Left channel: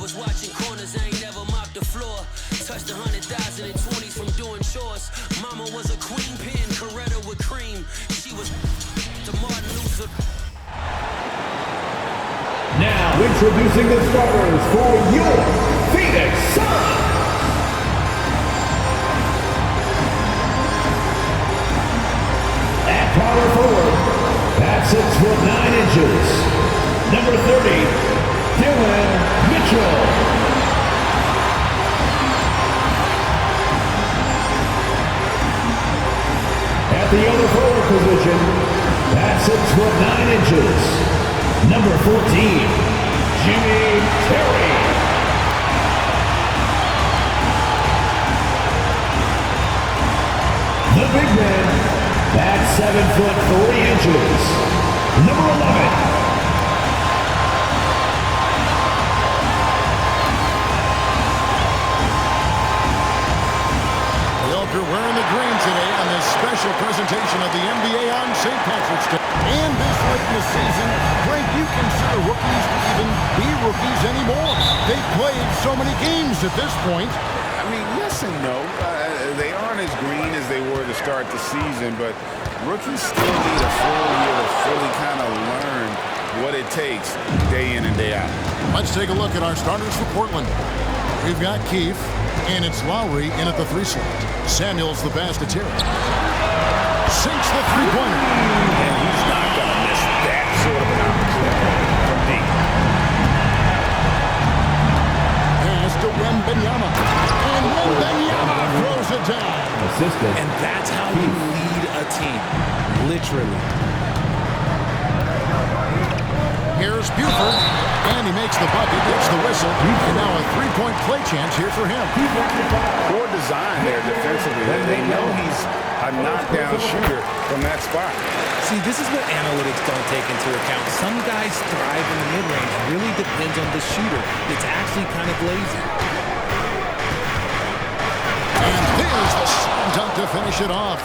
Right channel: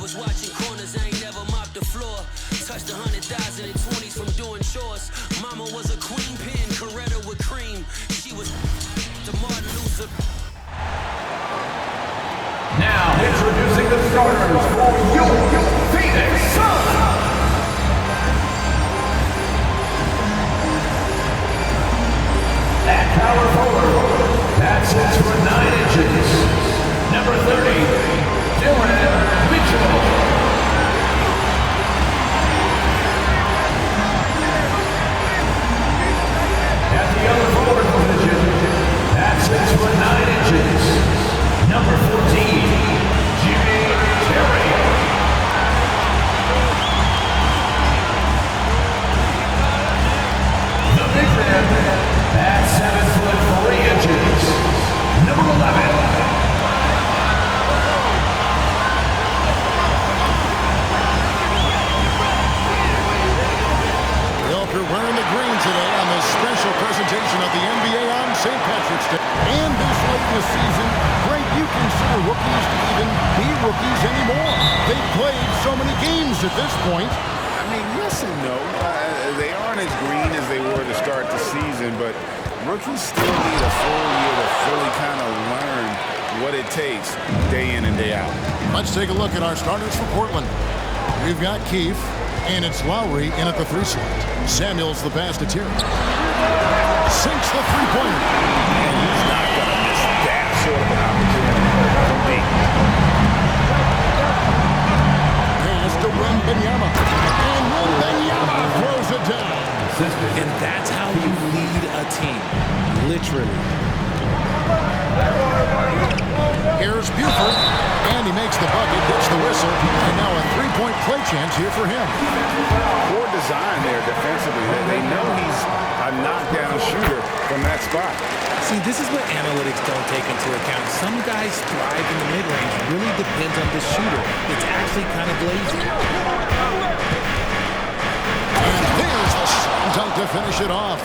was watching corners, I ain't never mopped the floor. Touched 100,000 in 20s from doing chores. Mama was a queen pin, Coretta with cream. She was to Martin Luther. Now introducing the starters for your Phoenix Suns. At power forward, at 6'9", number 30, Dillon Mitchell. At the other forward position, at 6'9", number 14, Jimmy Terry. The big man, at 7'40", number 11. We hope you're wearing the green today on this special presentation of the NBA on St. Patrick's Day. And this late in the season, Greg, you consider rookies to even be rookies anymore. They've played so many games at this point. I mean, yes and no. They aren't as green as they were to start the season, but rookies still need a full year to fully kind of learn what it takes day in and day out. Let's take a look at our starters for Portland. We've got Keefe, and it's Lowry in at the 3 slot. Samuels the pass to Terry. Sinks the three-pointer. And he's not going to miss that sort of an opportunity from deep. Pass to Wembanyama. And Wembanyama throws it down. And that's how you lead a team, literally. Here's Buford, and he makes the bucket, gets the whistle, and now a three-point play chance here for him. Poor design there defensively. They know he's a knockdown shooter from that spot. See, this is what analytics don't take into account. Some guys thrive in the mid-range. Really depends on the shooter. It's actually kind of lazy. And there's the slam dunk to finish it off.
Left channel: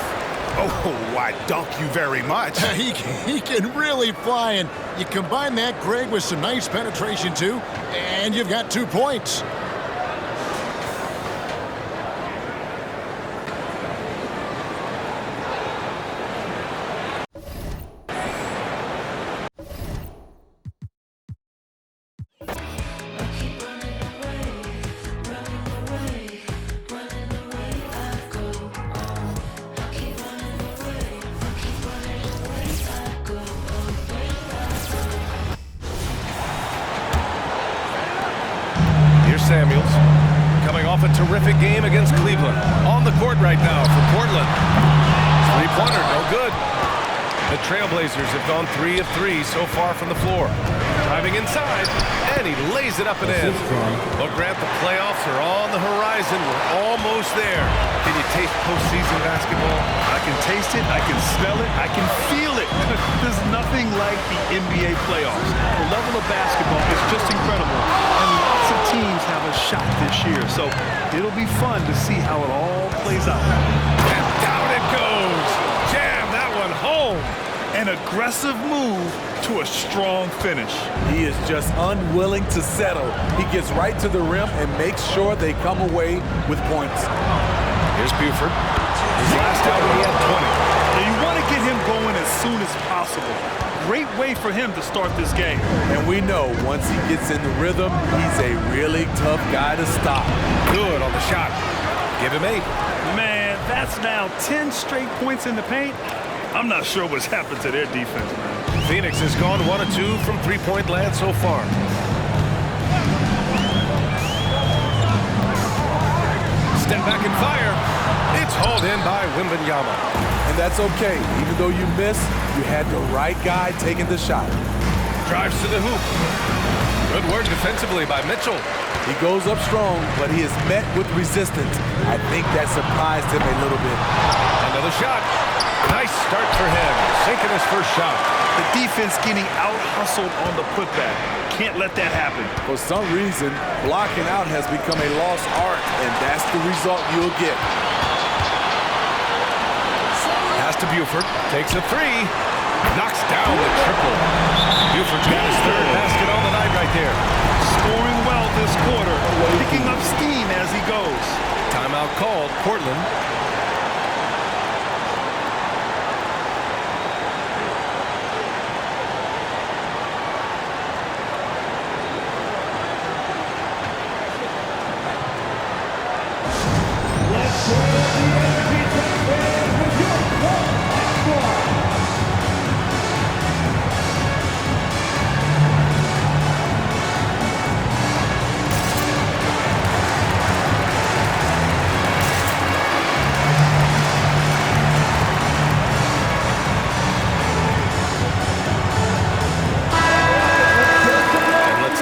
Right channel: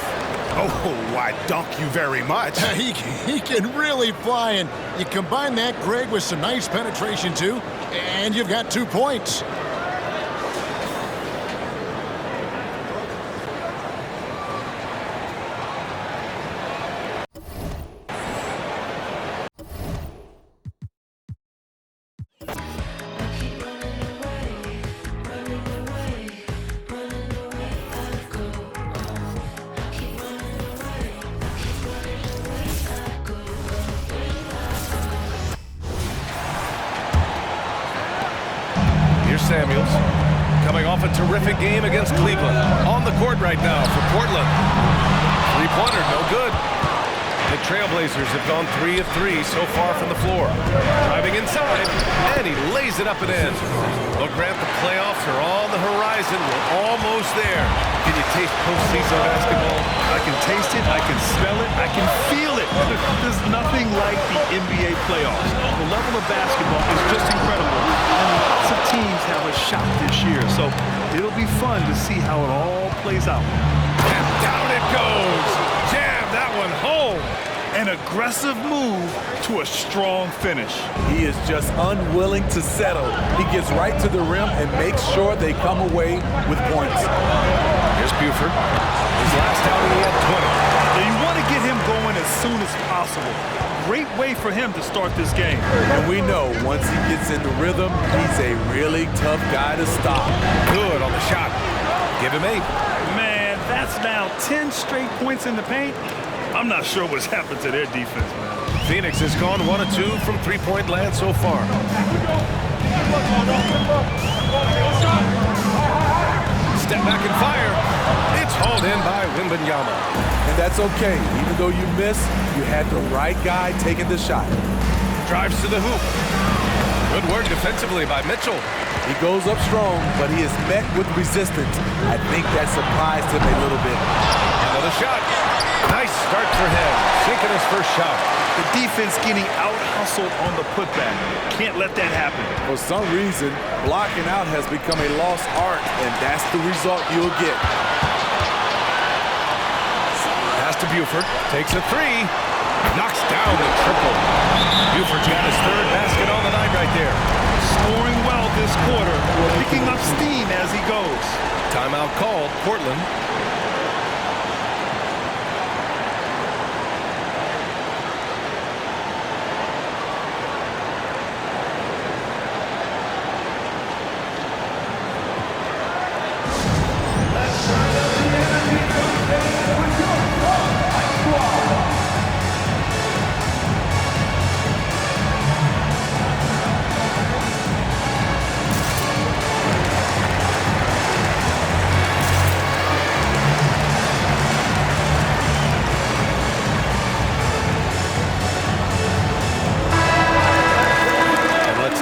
Oh, why, dunk you very much. He can really fly, and you combine that, Greg, with some nice penetration, too, and you've got 2 points. Here's Samuels, coming off a terrific game against Cleveland. On the court right now for Portland. Three-pointer, no good. The Trailblazers have gone 3 of 3 so far from the floor. Driving inside, and he lays it up and in. Well, Grant, the playoffs are on the horizon. We're almost there. Can you taste postseason basketball? I can taste it, I can smell it, I can feel it. There's nothing like the NBA playoffs. The level of basketball is just incredible, and lots of teams have a shot this year. So it'll be fun to see how it all plays out. And down it goes. Jam that one home. An aggressive move to a strong finish. He is just unwilling to settle. He gets right to the rim and makes sure they come away with points. Here's Buford. His last outing, he had 20. Now you want to get him going as soon as possible. Great way for him to start this game. And we know once he gets in the rhythm, he's a really tough guy to stop. Good on the shot. Give him 8. Man, that's now 10 straight points in the paint. I'm not sure what's happened to their defense, man. Phoenix has gone 1 of 2 from three-point land so far. Step back and fire. It's hauled in by Wembanyama. And that's okay. Even though you miss, you had the right guy taking the shot. Drives to the hoop. Good work defensively by Mitchell. He goes up strong, but he is met with resistance. I think that surprised him a little bit. Another shot. Nice start for him, sinking his first shot. The defense getting out-hustled on the putback. Can't let that happen. For some reason, blocking out has become a lost art, and that's the result you'll get. Pass to Buford, takes a 3, knocks down the triple. Buford's got his 3rd basket on the night right there. Scoring well this quarter. up steam as he goes. Timeout called, Portland.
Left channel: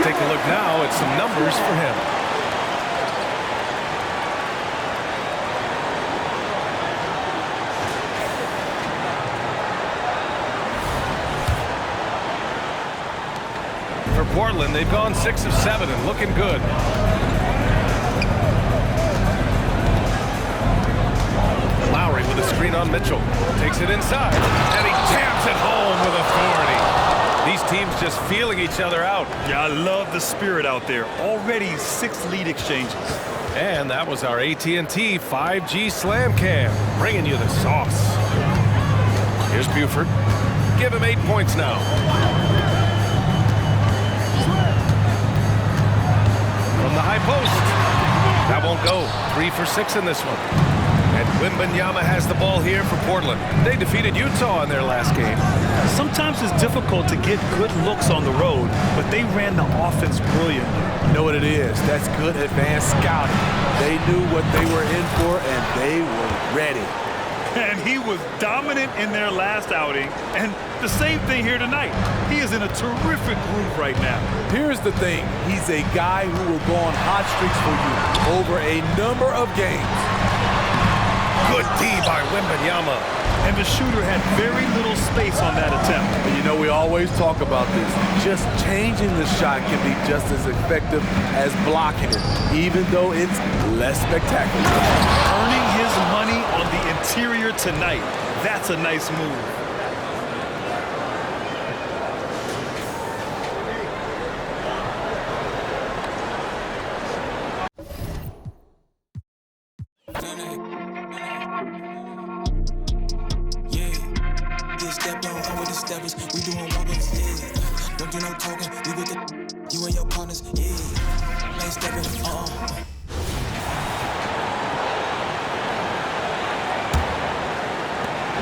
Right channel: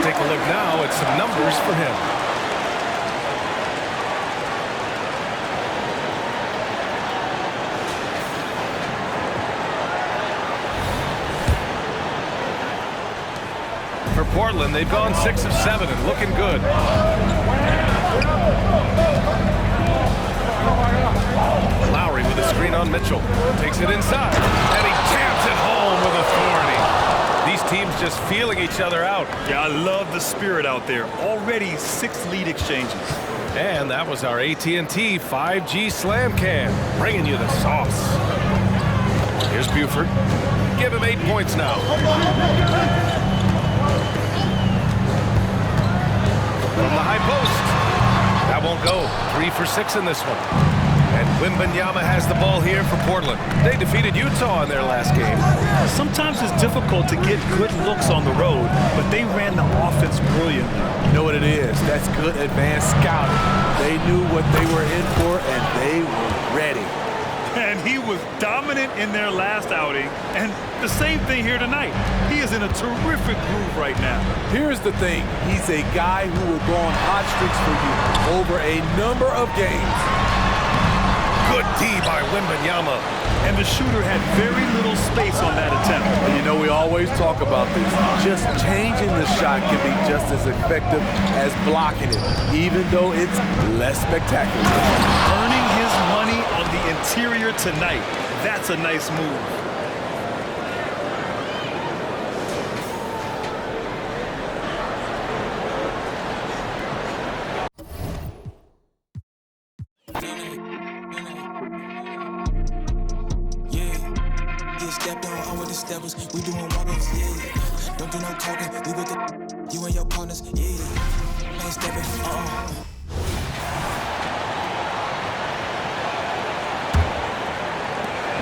Take a look now at some numbers for him. For Portland, they've gone 6 of 7 and looking good. Lowry with a screen on Mitchell. Takes it inside, and he jams it home with authority. These teams just feeling each other out. Yeah, I love the spirit out there. Already 6 lead exchanges. And that was our AT&T 5G Slam Cam, bringing you the sauce. Here's Buford. Give him 8 points now. From the high post. That won't go. 3 for 6 in this one. And Wembanyama has the ball here for Portland. They defeated Utah in their last game. Sometimes it's difficult to get good looks on the road, but they ran the offense brilliantly. You know what it is? That's good advanced scouting. They knew what they were in for, and they were ready. And he was dominant in their last outing, and the same thing here tonight. He is in a terrific groove right now. Here's the thing. He's a guy who will go on hot streaks for you over a number of games. Good D by Wembanyama. And the shooter had very little space on that attempt. And you know, we always talk about this. Just changing the shot can be just as effective as blocking it, even though it's less spectacular. Earning his money on the interior tonight. That's a nice move. We doing walk-ups, yeah. Don't do no talking. We with the you and your partners, yeah. Ain't stepping,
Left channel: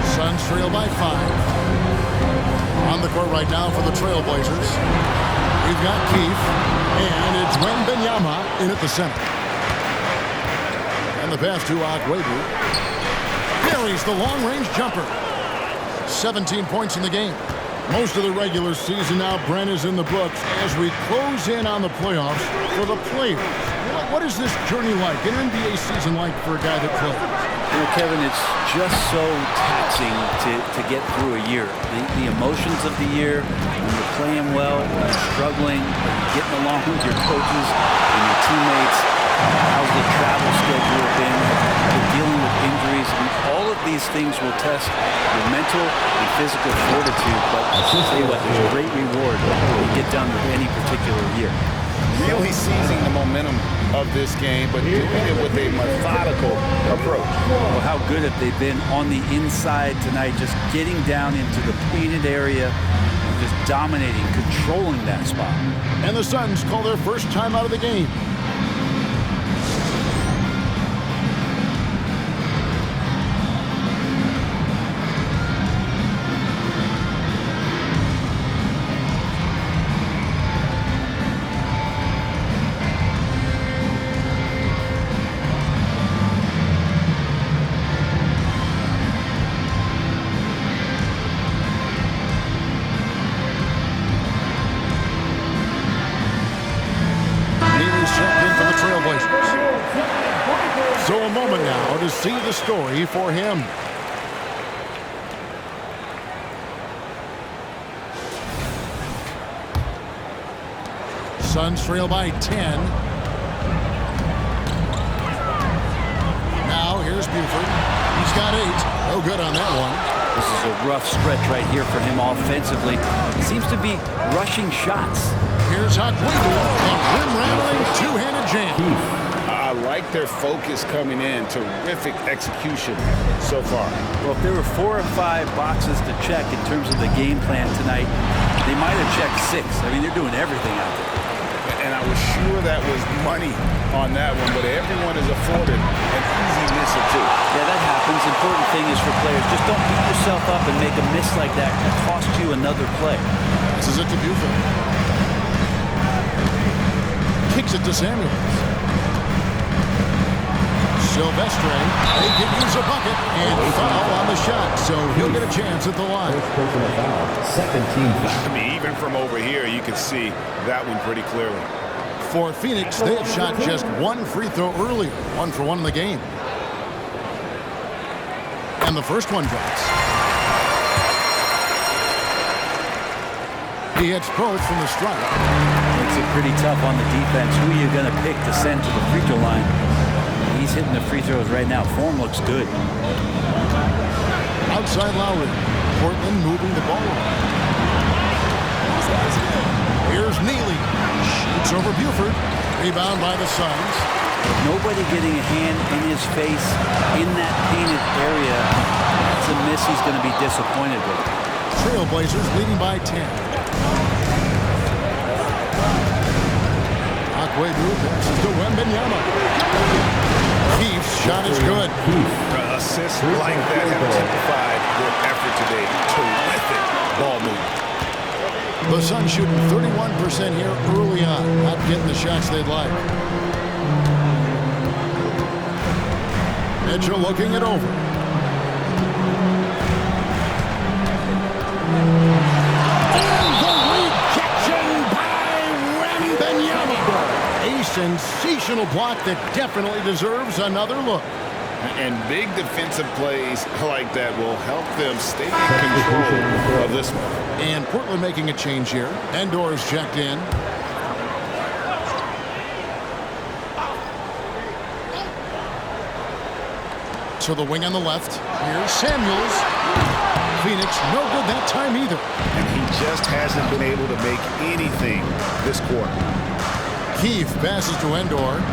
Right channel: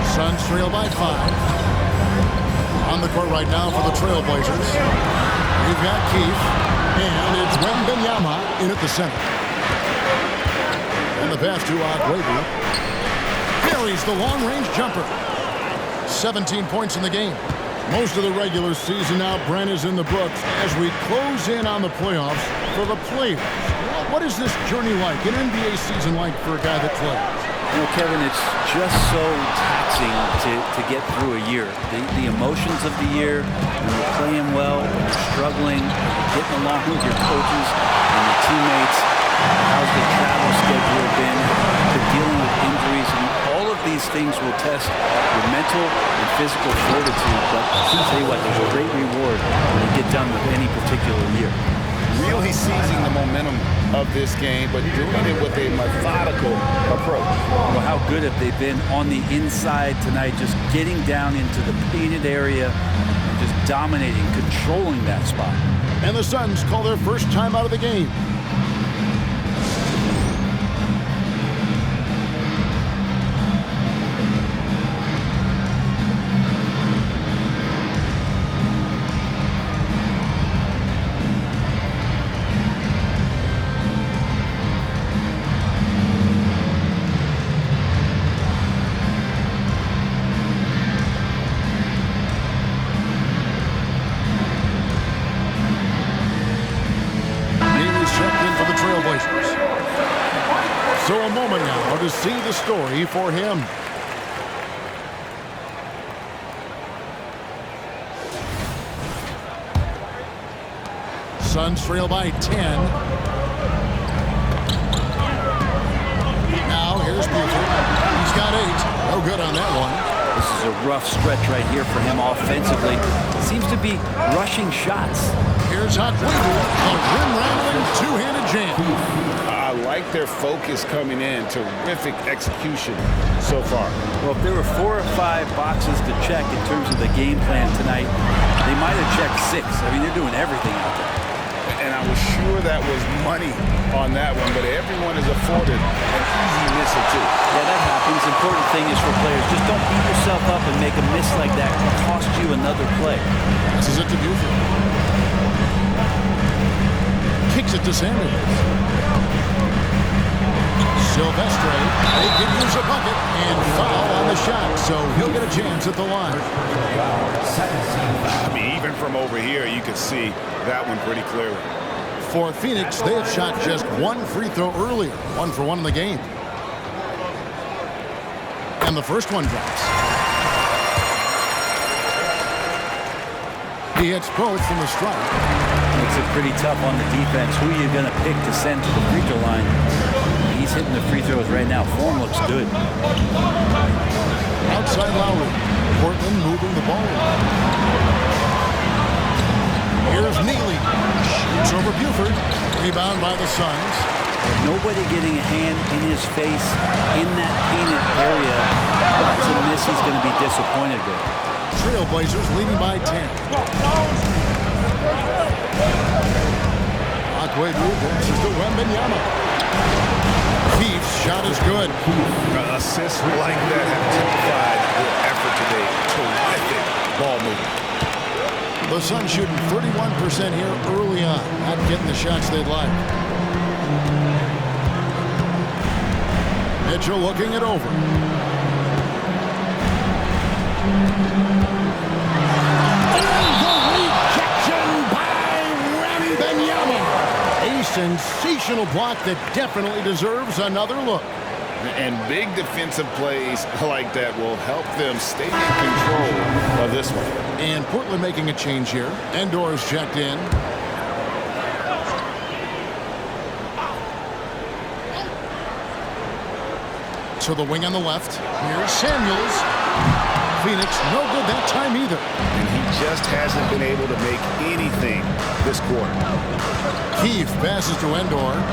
Suns trail by 5. On the court right now for the Trailblazers. We've got Keefe, and it's Wembanyama in at the center. And the pass to Agüero. Buries the long-range jumper. 17 points in the game. Most of the regular season now, Brent, is in the books as we close in on the playoffs for the players. What is this journey like, an NBA season like for a guy that plays? You know, Kevin, it's just so taxing to get through a year. The emotions of the year, when you're playing well, when you're struggling, are you getting along with your coaches and your teammates? How's the travel schedule been dealing with injuries? I mean, all of these things will test your mental and physical fortitude, but I'll tell you what, there's a great reward when you get done with any particular year. Really seizing the momentum of this game, but doing it with a methodical approach. Well, how good have they been on the inside tonight, just getting down into the painted area and just dominating, controlling that spot. And the Suns call their first time out of the game. Checked in for the Trailblazers. So a moment now to see the story for him. Suns trail by 10. Now here's Buford. He's got 8. No good on that one. This is a rough stretch right here for him offensively. Seems to be rushing shots. Here's Agüero, a rim-rattling two-handed jam. I like their focus coming in. Terrific execution so far. Well, if there were 4 or 5 boxes to check in terms of the game plan tonight, they might have checked 6. I mean, they're doing everything out there. And I was sure that was money on that one, but everyone is afforded an easy miss or 2. Yeah, that happens. Important thing is for players, just don't beat yourself up and make a miss like that cost you another play. Passes it to Buford. Kicks it to Samuels. Silvestre, they can use a bucket and foul on the shot, so he'll get a chance at the line. First personal foul. Second team foul. I mean, even from over here, you can see that one pretty clearly. For Phoenix, they have shot just 1 free throw earlier, 1 for 1 in the game. And the first one drops. He hits both from the strike. Makes it pretty tough on the defense. Who are you going to pick to send to the free throw line? He's hitting the free throws right now. Form looks good. Outside Lowry. Portland moving the ball around. Here's Neely. Shoots over Buford. Rebound by the Suns. Nobody getting a hand in his face in that painted area. That's a miss he's going to be disappointed with. Trailblazers leading by 10. Akwebu passes to Wembanyama. Keith's shot is good. Assists like that have typified their effort today. Terrific ball movement. The Suns shooting 31% here early on. Not getting the shots they'd like. Mitchell looking it over. And the rejection by Wembanyama. A sensational block that definitely deserves another look. And big defensive plays like that will help them stay in control of this one. And Portland making a change here. Endor's checked in. To the wing on the left. Here's Samuels. Phoenix, no good that time either. And he just hasn't been able to make anything this quarter. Keith passes to Endor.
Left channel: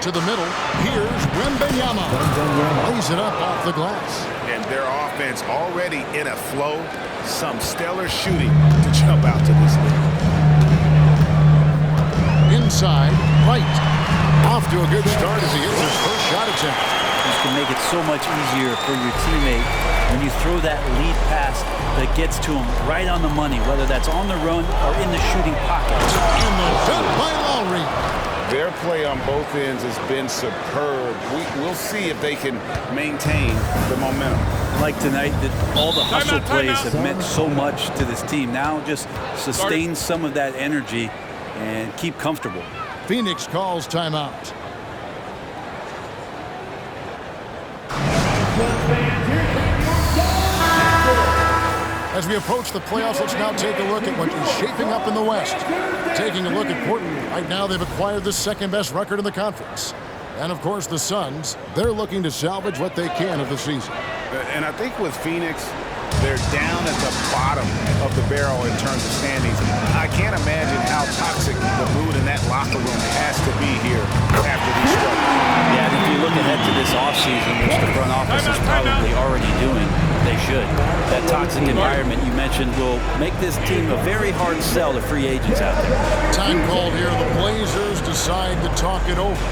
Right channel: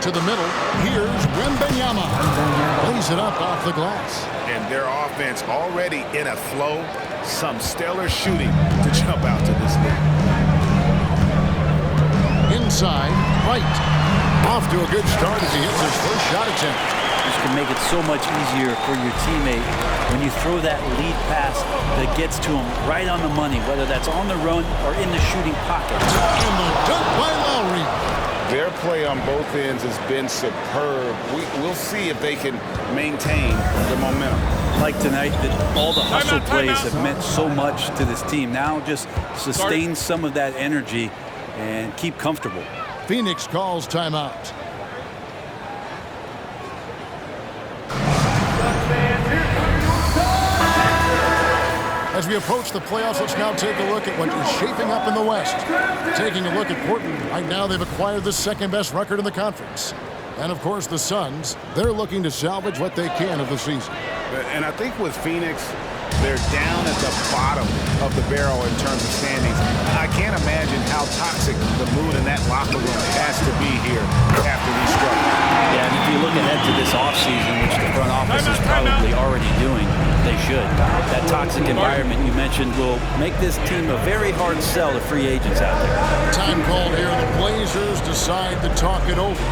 To the middle. Here's Wembanyama. Lays it up off the glass. And their offense already in a flow. Some stellar shooting to jump out to this lead. Inside, right. Off to a good start as he hits his first shot attempt. This can make it so much easier for your teammate when you throw that lead pass that gets to him right on the money, whether that's on the run or in the shooting pocket. And the dunk by Lowry. Their play on both ends has been superb. We'll see if they can maintain the momentum. Like tonight, that all the hustle plays have meant so much to this team. Now just sustain some of that energy and keep comfortable. Phoenix calls timeout. As we approach the playoffs, let's now take a look at what is shaping up in the West. Taking a look at Portland, right now they've acquired the second-best record in the conference. And, of course, the Suns, they're looking to salvage what they can of the season. And I think with Phoenix, they're down at the bottom of the barrel in terms of standings. I can't imagine how toxic the mood in that locker room has to be here after these struggles. Yeah, and if you look ahead to this offseason, which the front office is probably already doing, they should. That toxic environment you mentioned will make this team a very hard sell to free agents out there. Time called here. The Blazers decide to talk it over.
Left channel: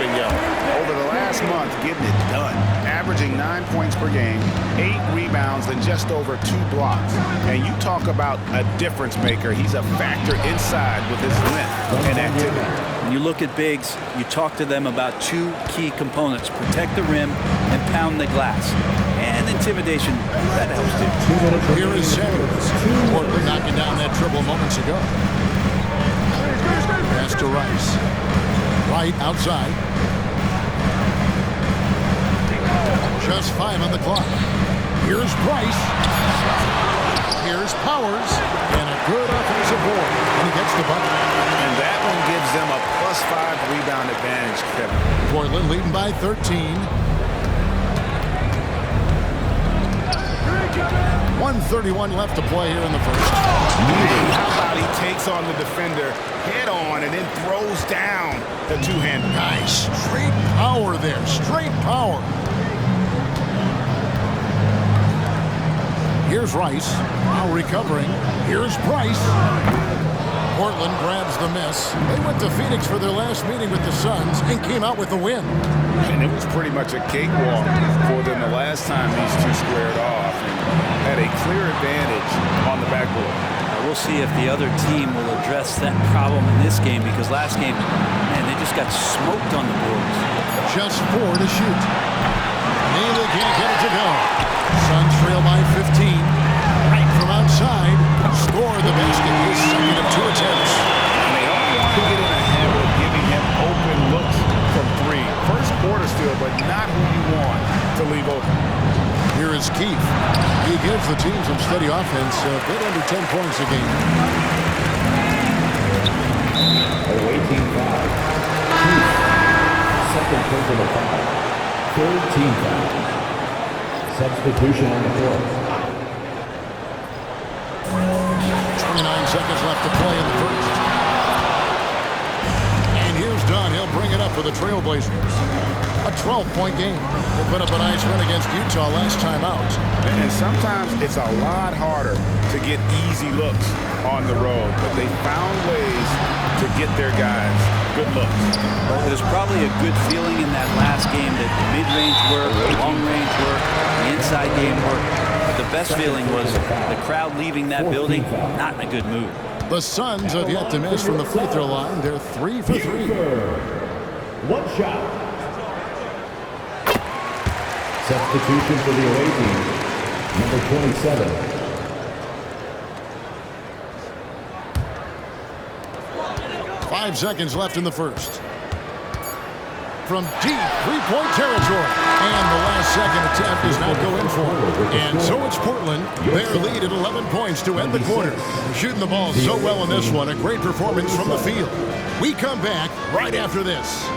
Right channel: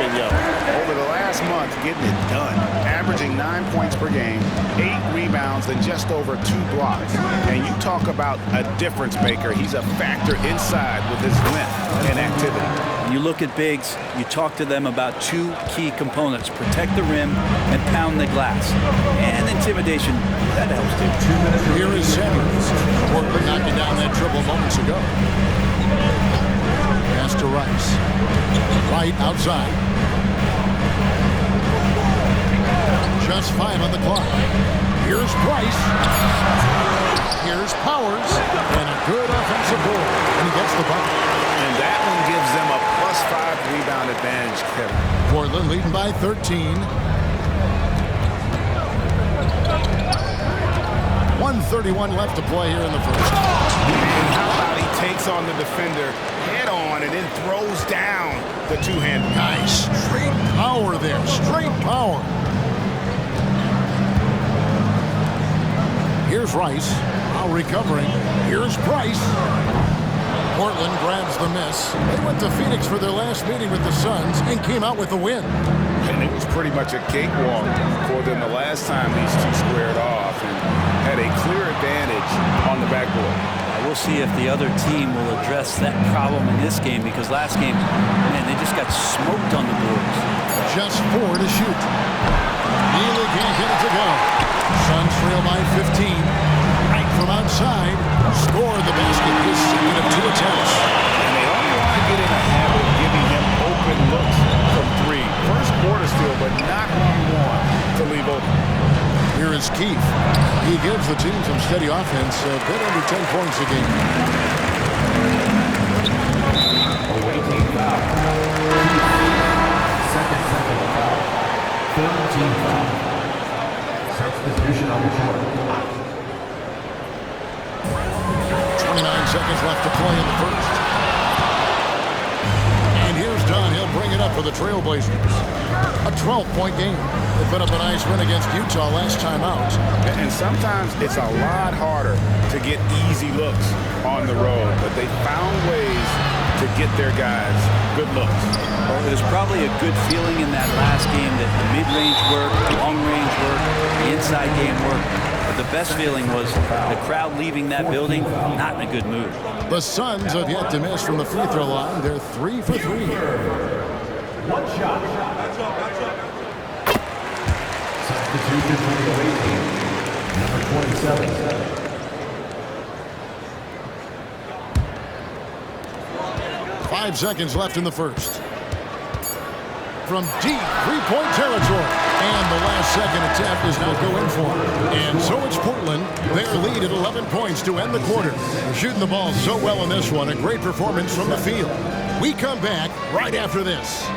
Over the last month, getting it done. Averaging 9 points per game, 8 rebounds, and just over 2 blocks. And you talk about a difference maker. He's a factor inside with his length and activity. When you look at bigs, you talk to them about 2 key components. Protect the rim and pound the glass. And intimidation, that helps too. Here is Samuels. Portland knocking down that triple moments ago. Pass to Rice. Right outside. Just 5 on the clock. Here's Price. Here's Powers, and a good offensive board, and he gets the bucket. And that one gives them a +5 rebound advantage, Kevin. Portland leading by 13. 1:31 left to play here in the first. And how about he takes on the defender head on and then throws down the two-hander. Nice. Straight power there. Straight power. Here's Rice. Now recovering. Here's Price. Portland grabs the miss. They went to Phoenix for their last meeting with the Suns and came out with a win. And it was pretty much a cakewalk for them the last time these two squared off and had a clear advantage on the backboard. We'll see if the other team will address that problem in this game, because last game, man, they just got smoked on the boards. Just 4 to shoot. Neely can't get it to go. Suns trail by 15. Right from outside. Scored the basket, his second of 2 attempts. And they don't want to get in a habit of giving him open looks from 3. First quarter still, but not who you want to leave open. Here is Keith. He gives the team some steady offense, a bit under 10 points a game. Away team foul. Keith. Second personal foul. Third team foul. Substitution on the court. 29 seconds left to play in the first. And here's Dunn. He'll bring it up for the Trailblazers. A 12-point game. They put up a nice win against Utah last time out. And sometimes it's a lot harder to get easy looks on the road, but they found ways to get their guys good looks. Well, it was probably a good feeling in that last game that the mid-range work, the long-range work, the inside game work. But the best feeling was the crowd leaving that building not in a good mood. The Suns have yet to miss from the free throw line. They're 3 for 3. One shot. Substitution for the away team, number 27. 5 seconds left in the first. From deep three-point territory. And the last second attempt does not go in for him. And so it's Portland. Their lead at 11 points to end the quarter. They're shooting the ball so well in this one. A great performance from the field. We come back right after this.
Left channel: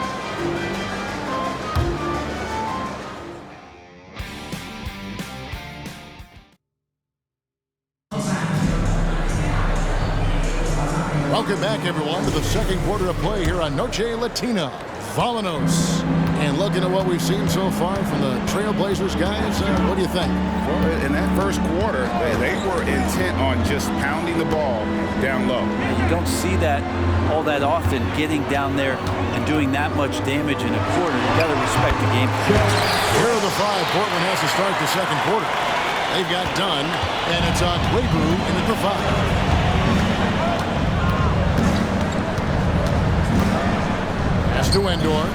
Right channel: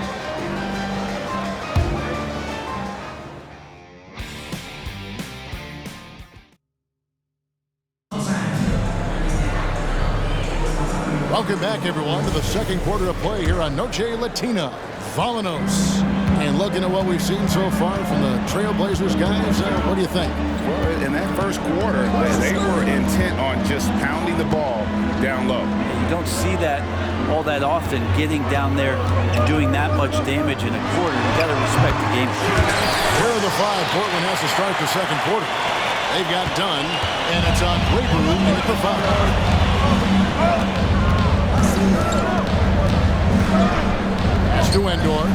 Welcome back, everyone, to the second quarter of play here on Noche Latina. Vallanos. And looking at what we've seen so far from the Trailblazers guys, what do you think? Well, in that first quarter, they were intent on just pounding the ball down low. You don't see that all that often, getting down there and doing that much damage in a quarter. You got to respect the game. Here are the 5 Portland has to start the second quarter. They've got Dunn, and it's on Quabu in at the 5. Pass to Endor.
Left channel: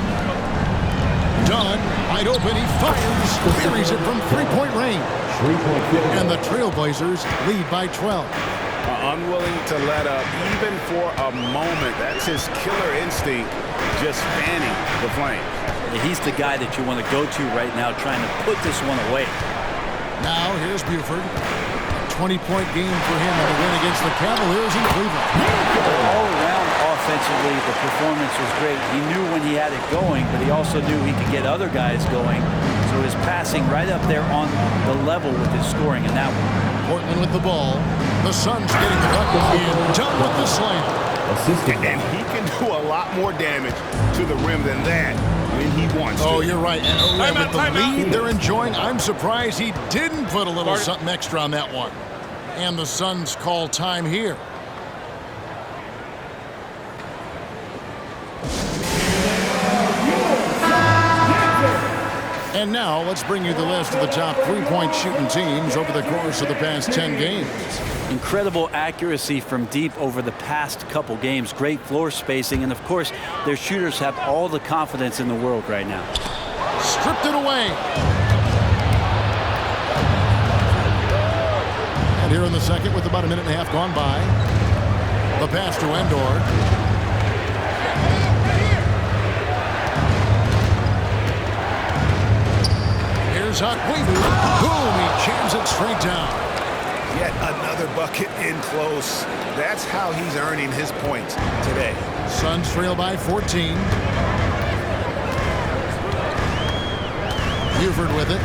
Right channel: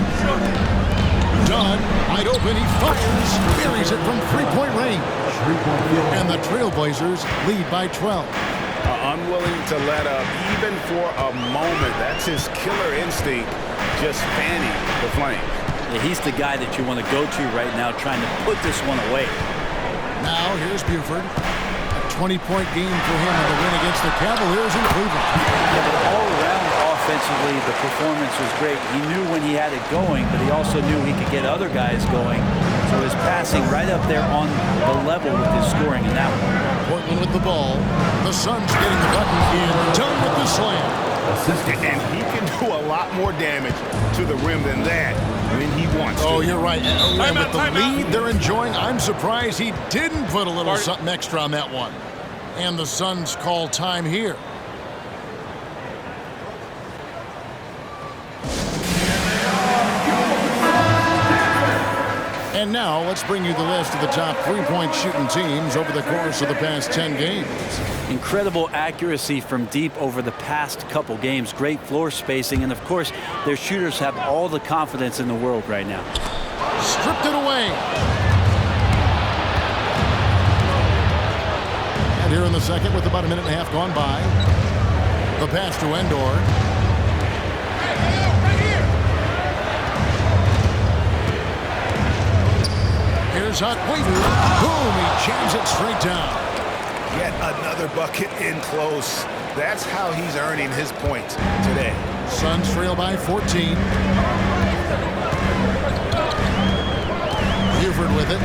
Dunn, wide open, he fires, buries it from three-point range. And the Trailblazers lead by 12. Unwilling to let up even for a moment. That's his killer instinct, just fanning the flames. Yeah, he's the guy that you want to go to right now, trying to put this one away. Now here's Buford. A 20-point game for him in the win against the Cavaliers in Cleveland. Yeah, but all around offensively, the performance was great. He knew when he had it going, but he also knew he could get other guys going. So his passing right up there on the level with his scoring in that one. Portland with the ball. The Suns getting the bucket, and Dunn with the slam. And he can do a lot more damage to the rim than that when he wants to. Oh, you're right. And with the lead they're enjoying, I'm surprised he didn't put a little something extra on that one. And the Suns call time here. And now let's bring you the list of the top three-point shooting teams over the course of the past 10 games. Incredible accuracy from deep over the past couple games. Great floor spacing. And, of course, their shooters have all the confidence in the world right now. Stripped it away. And here in the second with about a minute and a half gone by. The pass to Endor. Here's Akwebu. Boom, he jams it straight down. Yet another bucket in close. That's how he's earning his points today. Suns trail by 14. Buford with it.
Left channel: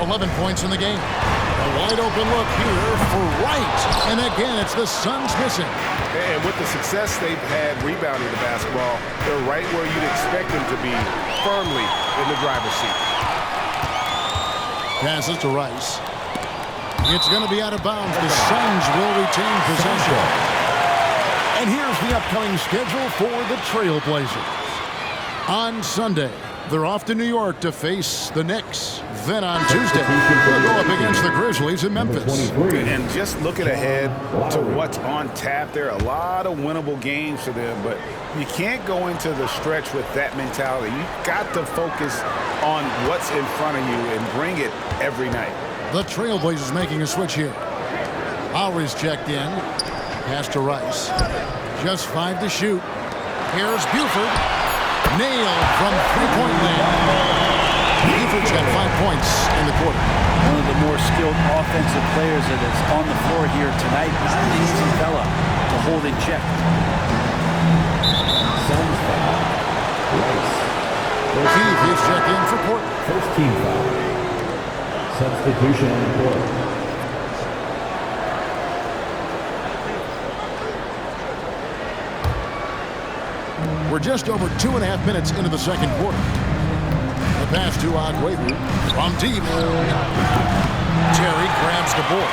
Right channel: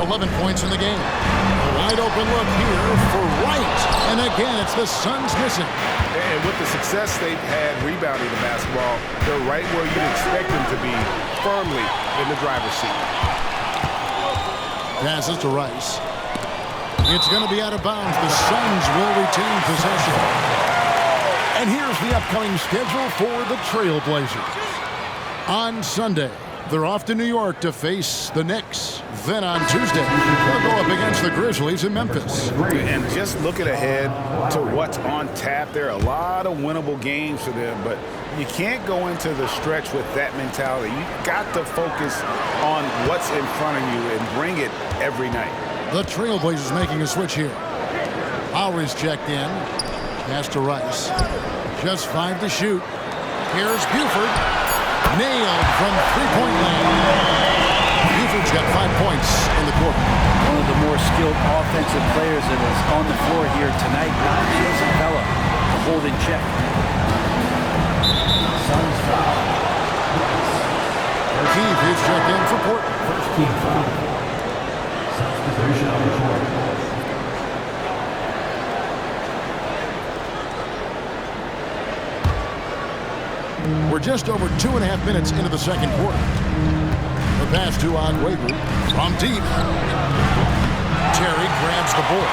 11 points in the game. A wide open look here for Wright. And again, it's the Suns missing. And with the success they've had rebounding the basketball, they're right where you'd expect them to be, firmly in the driver's seat. Passes to Rice. It's going to be out of bounds. The Suns will retain possession. And here's the upcoming schedule for the Trailblazers. On Sunday, they're off to New York to face the Knicks. Then on Tuesday, they'll go up against the Grizzlies in Memphis. And just looking ahead to what's on tap, there are a lot of winnable games for them, but you can't go into the stretch with that mentality. You've got to focus on what's in front of you and bring it every night. The Trailblazers making a switch here. Lowry's checked in. Pass to Rice. Just 5 to shoot. Here's Buford. Nailed from three-point land. Buford's got 5 points in the quarter. One of the more skilled offensive players that is on the floor here tonight. Not an easy fella to hold in check. Suns foul. Rice. Keefe is checked in for Portland. First team foul. Substitution on the court. We're just over 2.5 minutes into the second quarter. The pass to Agüero from deep. Terry grabs the board.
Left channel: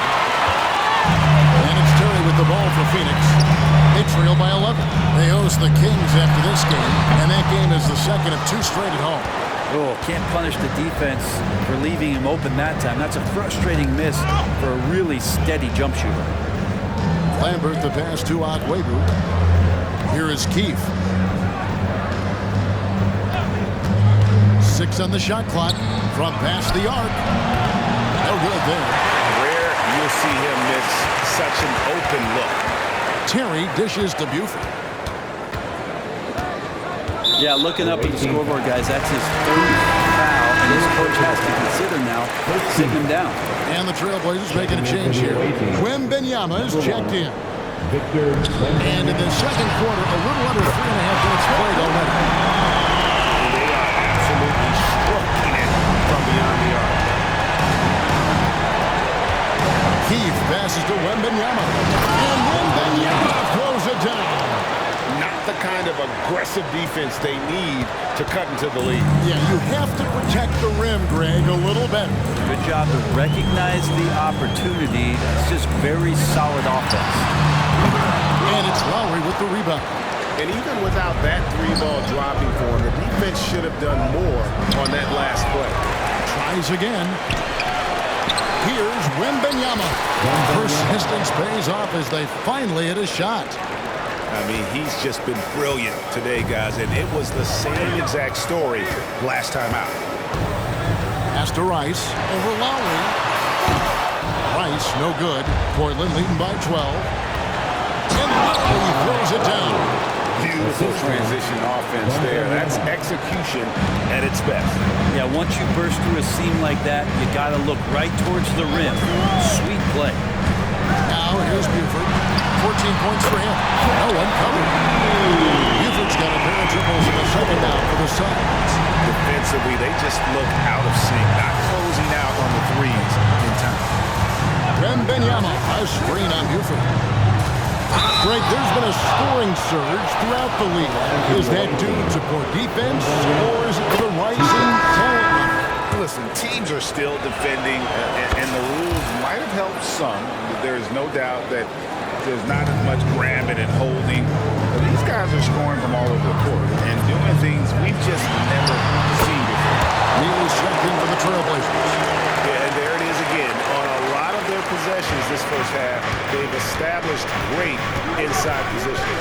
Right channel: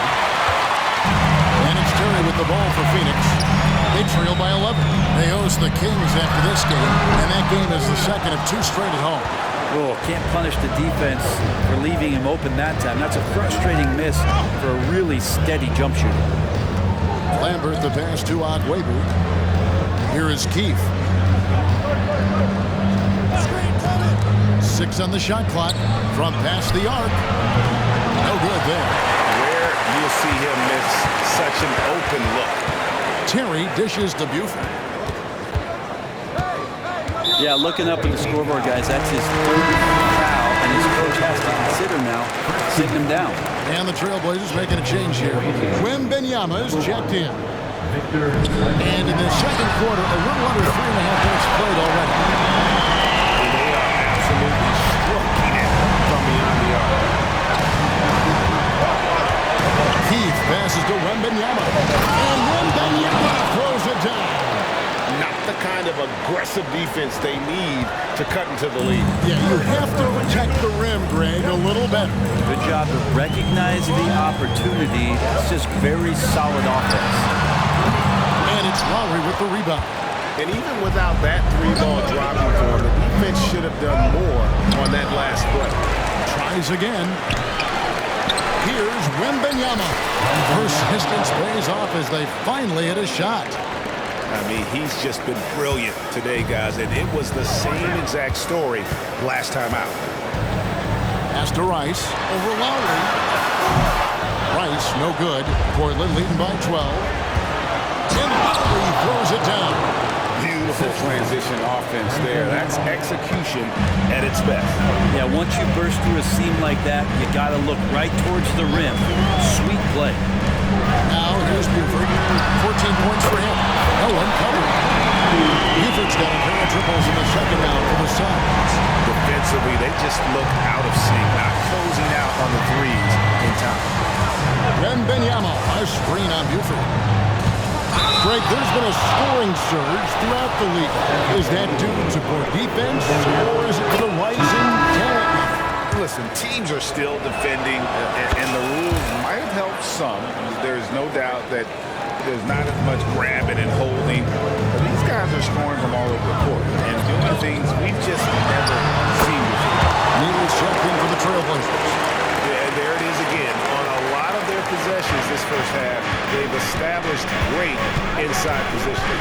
And it's Terry with the ball for Phoenix. They trail by 11. They host the Kings after this game, and that game is the second of 2 straight at home. Oh, can't punish the defense for leaving him open that time. That's a frustrating miss for a really steady jump shooter. Lambert the pass to Agüero. Here is Keefe. 6 on the shot clock from past the arc. No good there. Rare you'll see him miss such an open look. Terry dishes to Buford. Yeah, looking up at the scoreboard, guys, that's his 3rd foul, and his coach has to consider now sitting him down. And the Trailblazers making a change here. Wembanyama is checked in. And in the second quarter, a little under 3.5 minutes played already. And they are absolutely stroking it from beyond the arc. Keefe passes to Wembanyama. And Wembanyama throws it down. Not the kind of aggressive defense they need to cut into the lead. Yeah, you have to protect the rim, Greg, a little better. Good job to recognize the opportunity. That's just very solid offense. And it's Lowry with the rebound. And even without that 3-ball dropping for him, the defense should have done more on that last play. Tries again. Here's Wembanyama. Persistence pays off as they finally hit a shot. I mean, he's just been brilliant today, guys, and it was the same exact story last time out. Pass to Rice over Lowry. Rice, no good. Portland leading by 12. And Lowry throws it down. Beautiful transition offense there. That's execution at its best. Yeah, once you burst through a seam like that, you got to look right towards the rim. Sweet play. Now here's Buford. 14 points for him. No one covered. Buford's got a pair of triples in the second now for the Suns. Defensively, they just look out of sync, not closing out on the threes in time. Wembanyama, a screen on Buford. Greg, there's been a scoring surge throughout the league. Is that due to poor defense, or is it to the rising talent level? Listen, teams are still defending, and the rules might have helped some. There's no doubt that there's not as much grabbing and holding. But these guys are scoring from all over the court and doing things we've just never seen before. Neal's checked in for the Trailblazers. Yeah, and there it is again. On a lot of their possessions this first half, they've established great inside position.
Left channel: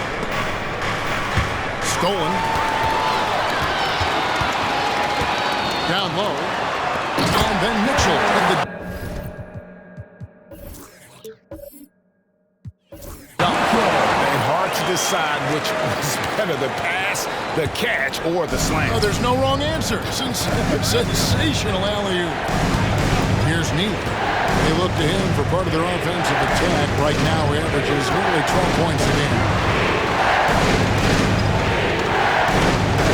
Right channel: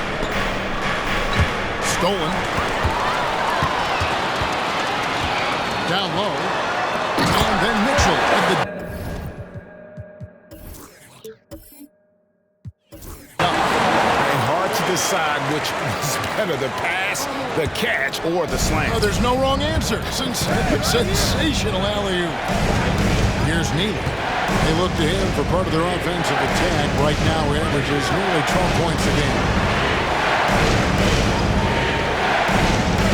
Stolen. Down low. And then Mitchell at the dunk. And hard to decide which was better, the pass, the catch, or the slam. Oh, there's no wrong answer. Sensational alley-oop. Here's Neal. They look to him for part of their offensive attack. Right now, he averages nearly 12 points a game.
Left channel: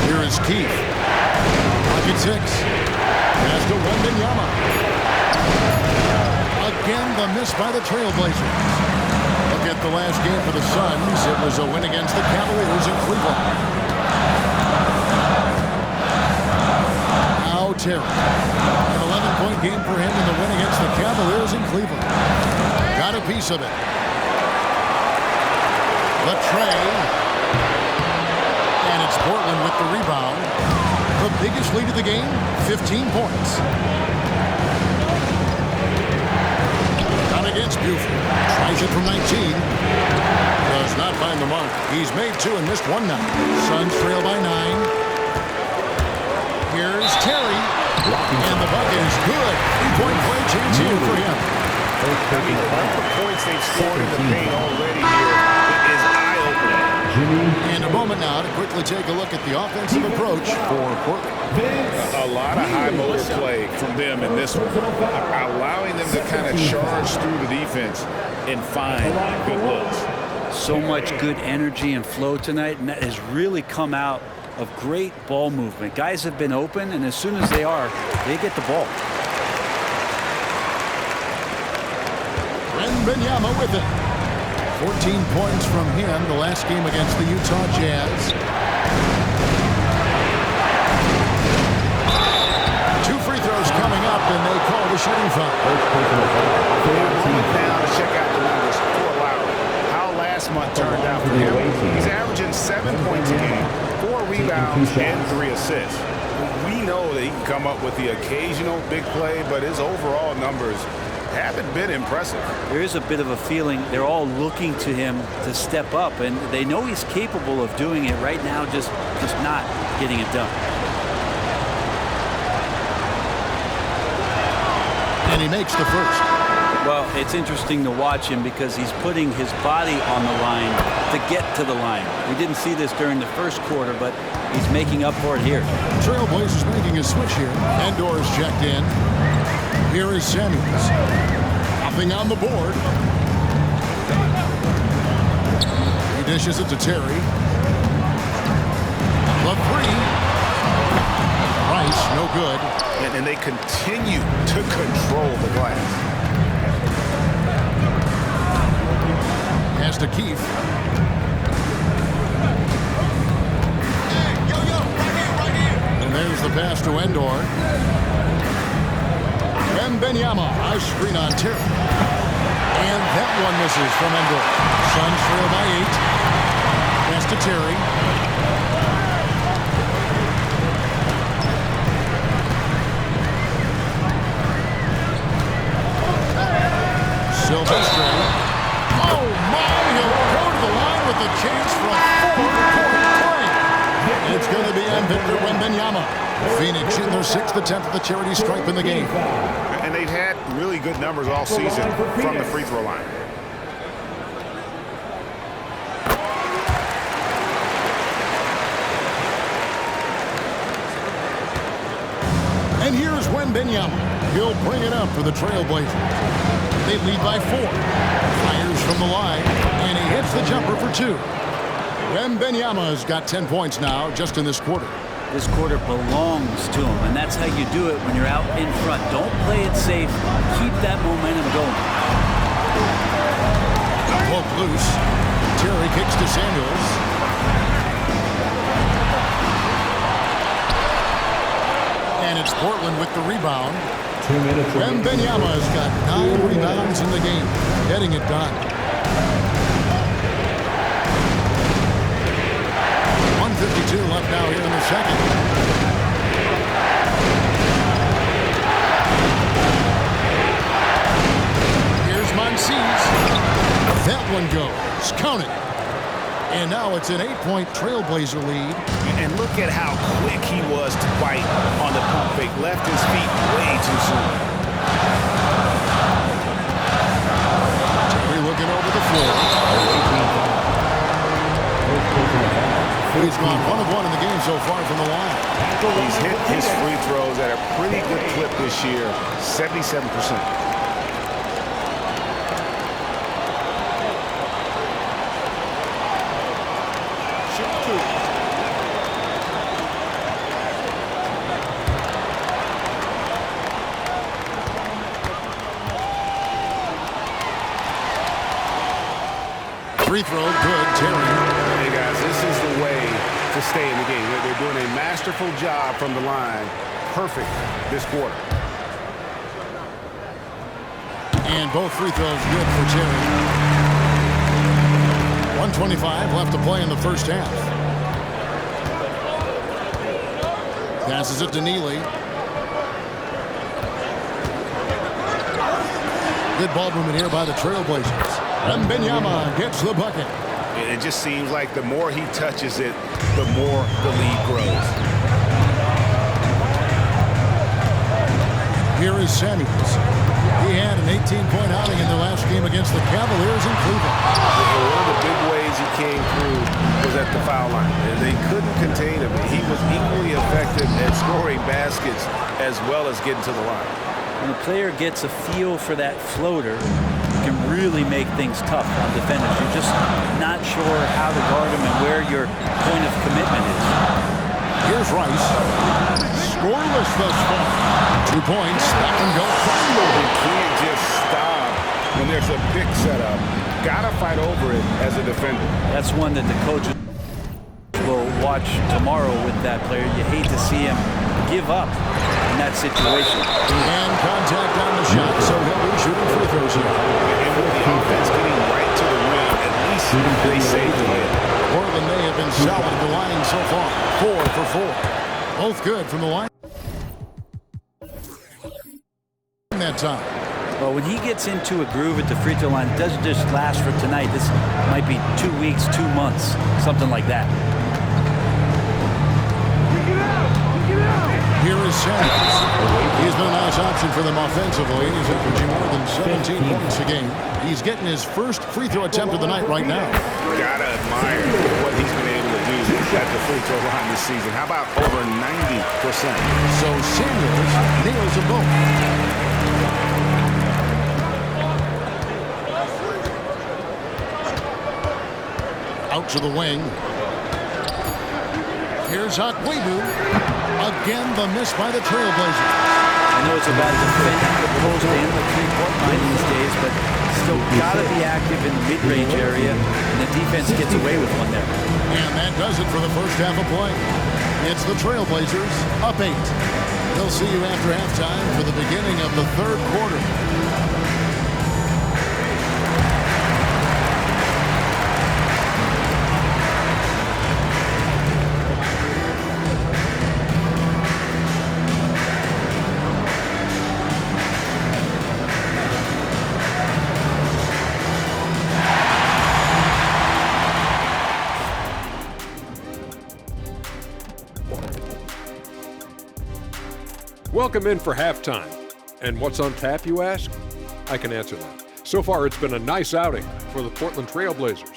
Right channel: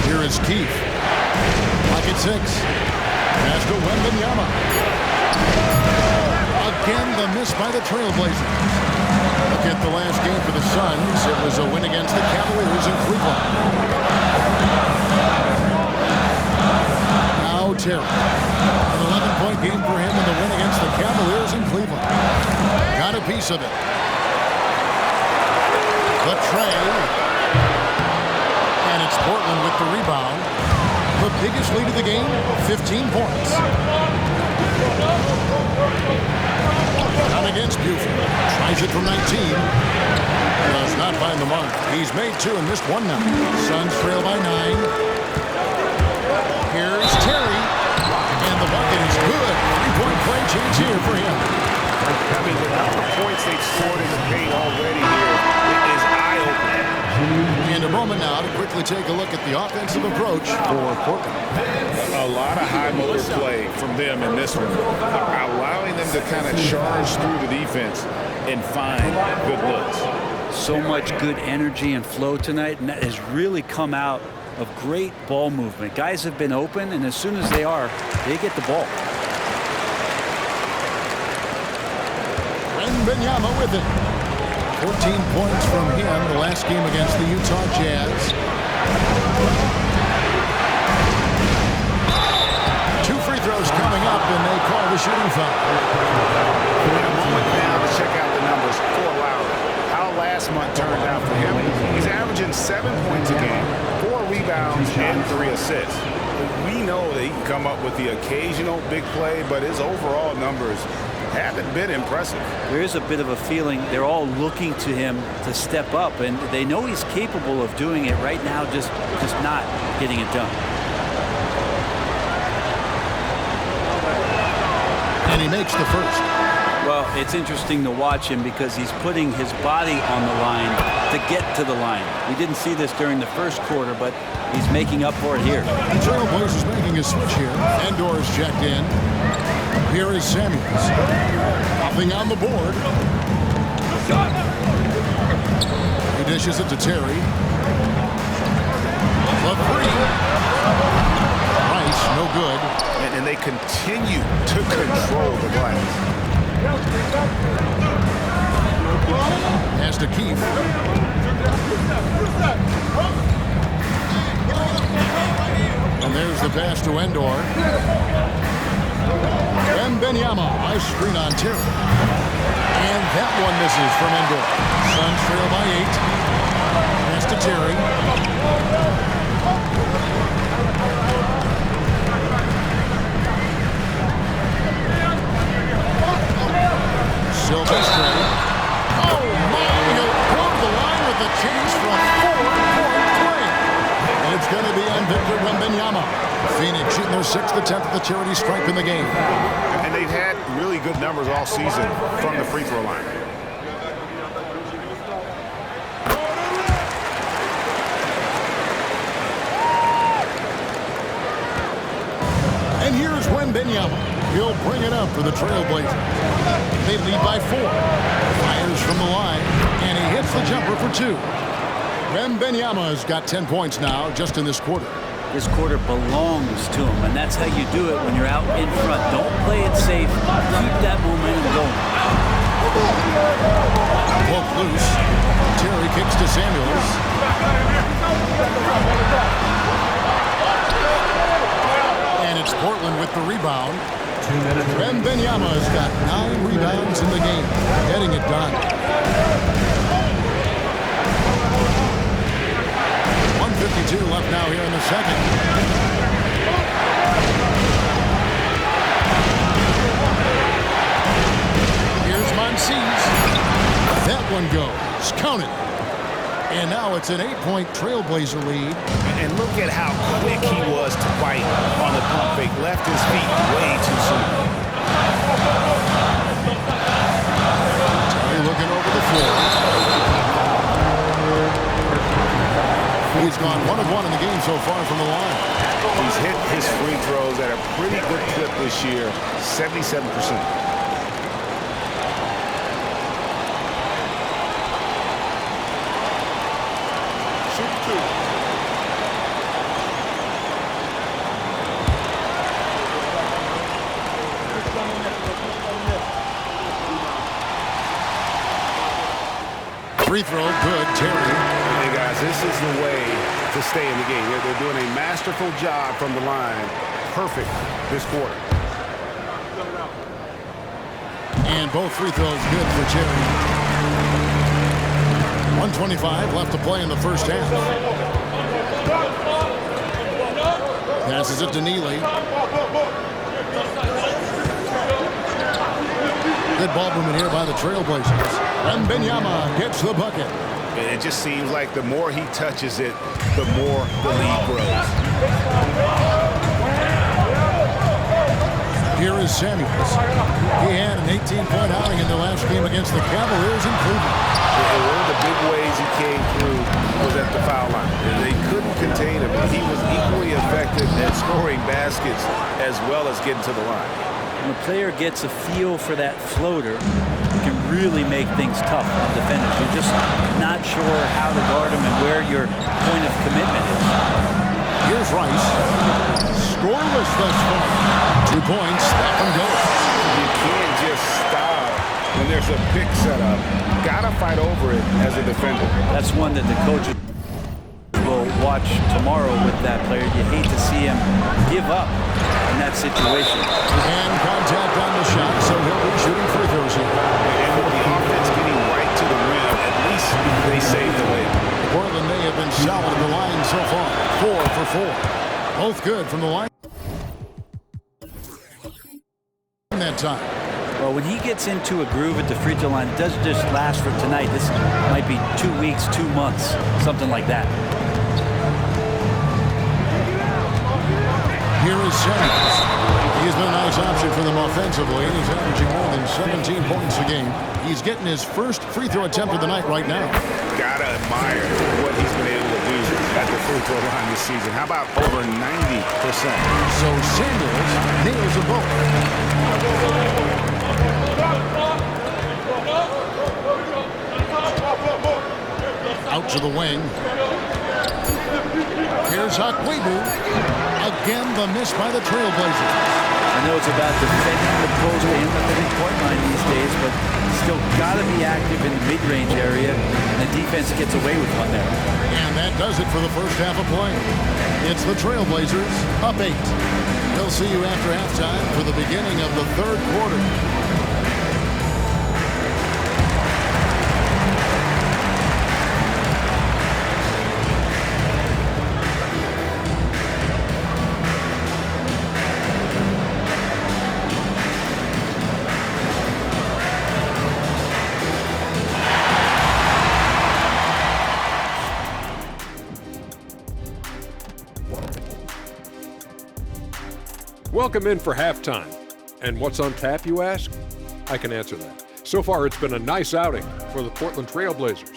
Here is Keith. Pocket 6. Pass to Wembanyama. Again, the miss by the Trailblazers. Look at the last game for the Suns. It was a win against the Cavaliers in Cleveland. Now Terry. An 11-point game for him in the win against the Cavaliers in Cleveland. Got a piece of it. The tray. And it's Portland with the rebound. The biggest lead of the game, 15 points. Down against Buford. Tries it from 19. Does not find the mark. He's made 2 and missed 1 now. Suns trail by 9. Here's Terry. And the bucket is good. 3-point play chance here for him. I mean, the number of points they've scored in the paint already here is eye-opening. And a moment now to quickly take a look at the offensive approach for Portland. A lot of high motor play from them in this one, allowing them to kind of charge through the defense and find good looks. So much good energy and flow tonight, and that has really come out of great ball movement. Guys have been open, and as soon as they are, they get the ball. Wembanyama with it. 14 points from him the last game against the Utah Jazz. 2 free throws coming up, and they call the shooting foul. And a moment now to check out the numbers for Lowry. How last month turned out for him. He's averaging 7 points a game, 4 rebounds, and 3 assists. We know that he can come up with the occasional big play, but his overall numbers haven't been impressive. There is a bit of a feeling they're all looking to him to step up, and they know he's capable of doing it right now, just not getting it done. And he makes the first. Well, it's interesting to watch him because he's putting his body on the line to get to the line. We didn't see this during the first quarter, but he's making up for it here. Trailblazers making a switch here. Endor is checked in. Here is Samuels. Nothing on the board. He dishes it to Terry. The 3. Rice, no good. And they continue to control the glass. Pass to Keith. And there's the pass to Endor. Wembanyama, a screen on Terry. And that one misses from Endor. Suns trail by 8. Pass to Terry. Silvestre. Oh my, he'll go to the line with a chance for a 4-point play. And it's going to be on Victor Wembanyama. Phoenix shooting their 6th attempt at the charity stripe in the game. And they've had really good numbers all season from the free throw line. And here's Wembanyama. He'll bring it up for the Trailblazers. They lead by 4. Fires from the line, and he hits the jumper for 2. Wembanyama's got 10 points now just in this quarter. This quarter belongs to him, and that's how you do it when you're out in front. Don't play it safe. Keep that momentum going. Poke loose. Terry kicks to Samuels. And it's Portland with the rebound. Wembanyama's got 9 rebounds in the game, getting it done. 1:52 left now here in the second. Here's Monsies. That one goes. Count it. And now it's an 8-point Trailblazer lead. And look at how quick he was to fight on the pump fake. Left his feet way too soon. Terry looking over the floor. He's gone 1 of 1 in the game so far from the line. He's hit his free throws at a pretty good clip this year, 77%. to. Free throw, good, Terry. Hey, guys, this is the way to stay in the game. They're doing a masterful job from the line. Perfect this quarter. And both free throws good for Terry. 1:25 left to play in the first half. Passes it to Neely. Good ball movement here by the Trailblazers. Wembanyama gets the bucket. And it just seems like the more he touches it, the more the lead grows. Here is Samuels. He had an 18-point outing in their last game against the Cavaliers in Cleveland. And one of the big ways he came through was at the foul line. And they couldn't contain him. He was equally effective at scoring baskets as well as getting to the line. When a player gets a feel for that floater, it can really make things tough on defenders. You're just not sure how to guard him and where your point of commitment is. Here's Rice. Scoreless thus far. 2 points. That one goes. You can't just stop when there's a pick set up. Gotta fight over it as a defender. That's one that the coaches will watch tomorrow with that player. You hate to see him give up in that situation. And contact on the shot, so he'll be shooting free throws here. And with the offense getting right to the rim, at least they saved the layup. Portland, they have been solid at the line so far. 4 for 4. Both good from the line. That time. Well, when he gets into a groove at the free throw line, it doesn't just last for tonight. This might be 2 weeks, 2 months, something like that. Here is Samuels. He's been a nice option for them offensively, and he's averaging more than 17 points a game. He's getting his first free throw attempt of the night right now. Gotta admire what he's been able to do at the free throw line this season. How about over 90%? So Samuels nails them both. Out to the wing. Here's Akwebu. Again, the miss by the Trailblazers. I know it's about defending the post and the three-point line these days, but still got to be active in the mid-range area, and the defense gets away with one there. And that does it for the first half of play. It's the Trailblazers up 8. They'll see you after halftime for the beginning of the third quarter. Welcome in for halftime. And what's on tap, you ask? I can answer that. So far, it's been a nice outing for the Portland Trailblazers.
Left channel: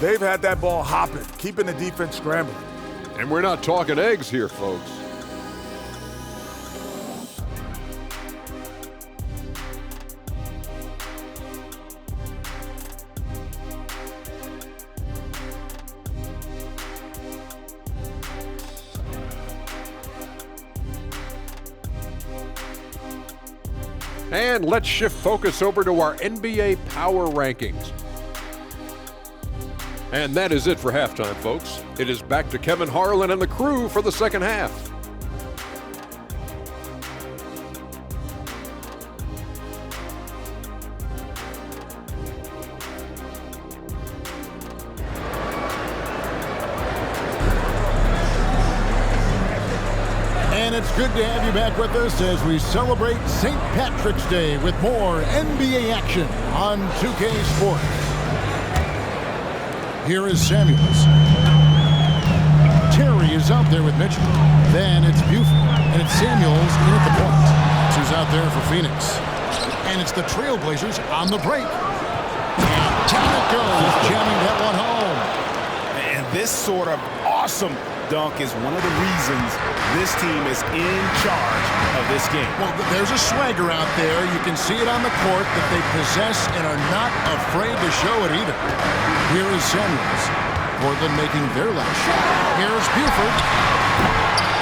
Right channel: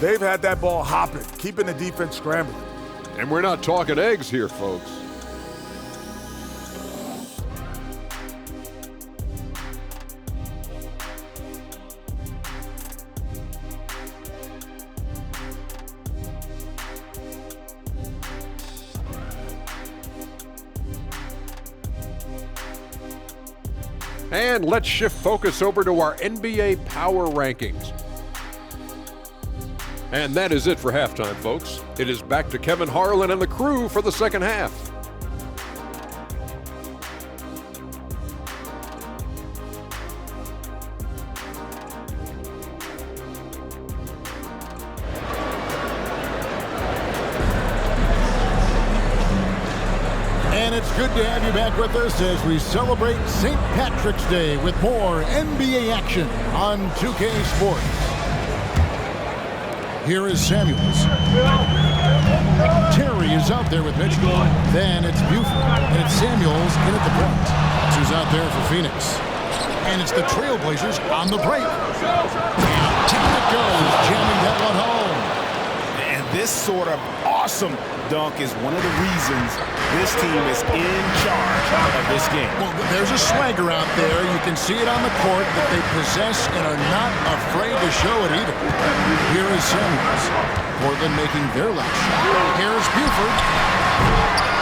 They've had that ball hopping, keeping the defense scrambling. And we're not talking eggs here, folks. And let's shift focus over to our NBA Power Rankings. And that is it for halftime, folks. It is back to Kevin Harlan and the crew for the second half. And it's good to have you back with us as we celebrate St. Patrick's Day with more NBA action on 2K Sports. Here is Samuels. Terry is out there with Mitchell. Then it's Buford, and it's Samuels in at the point. Who's out there for Phoenix. And it's the Trailblazers on the break. And down it goes, jamming that one home. And this sort of awesome dunk is one of the reasons this team is in charge of this game. Well, there's a swagger out there. You can see it on the court that they possess and are not afraid to show it either. Here is Samuels. Portland making their last shot. Here's Buford.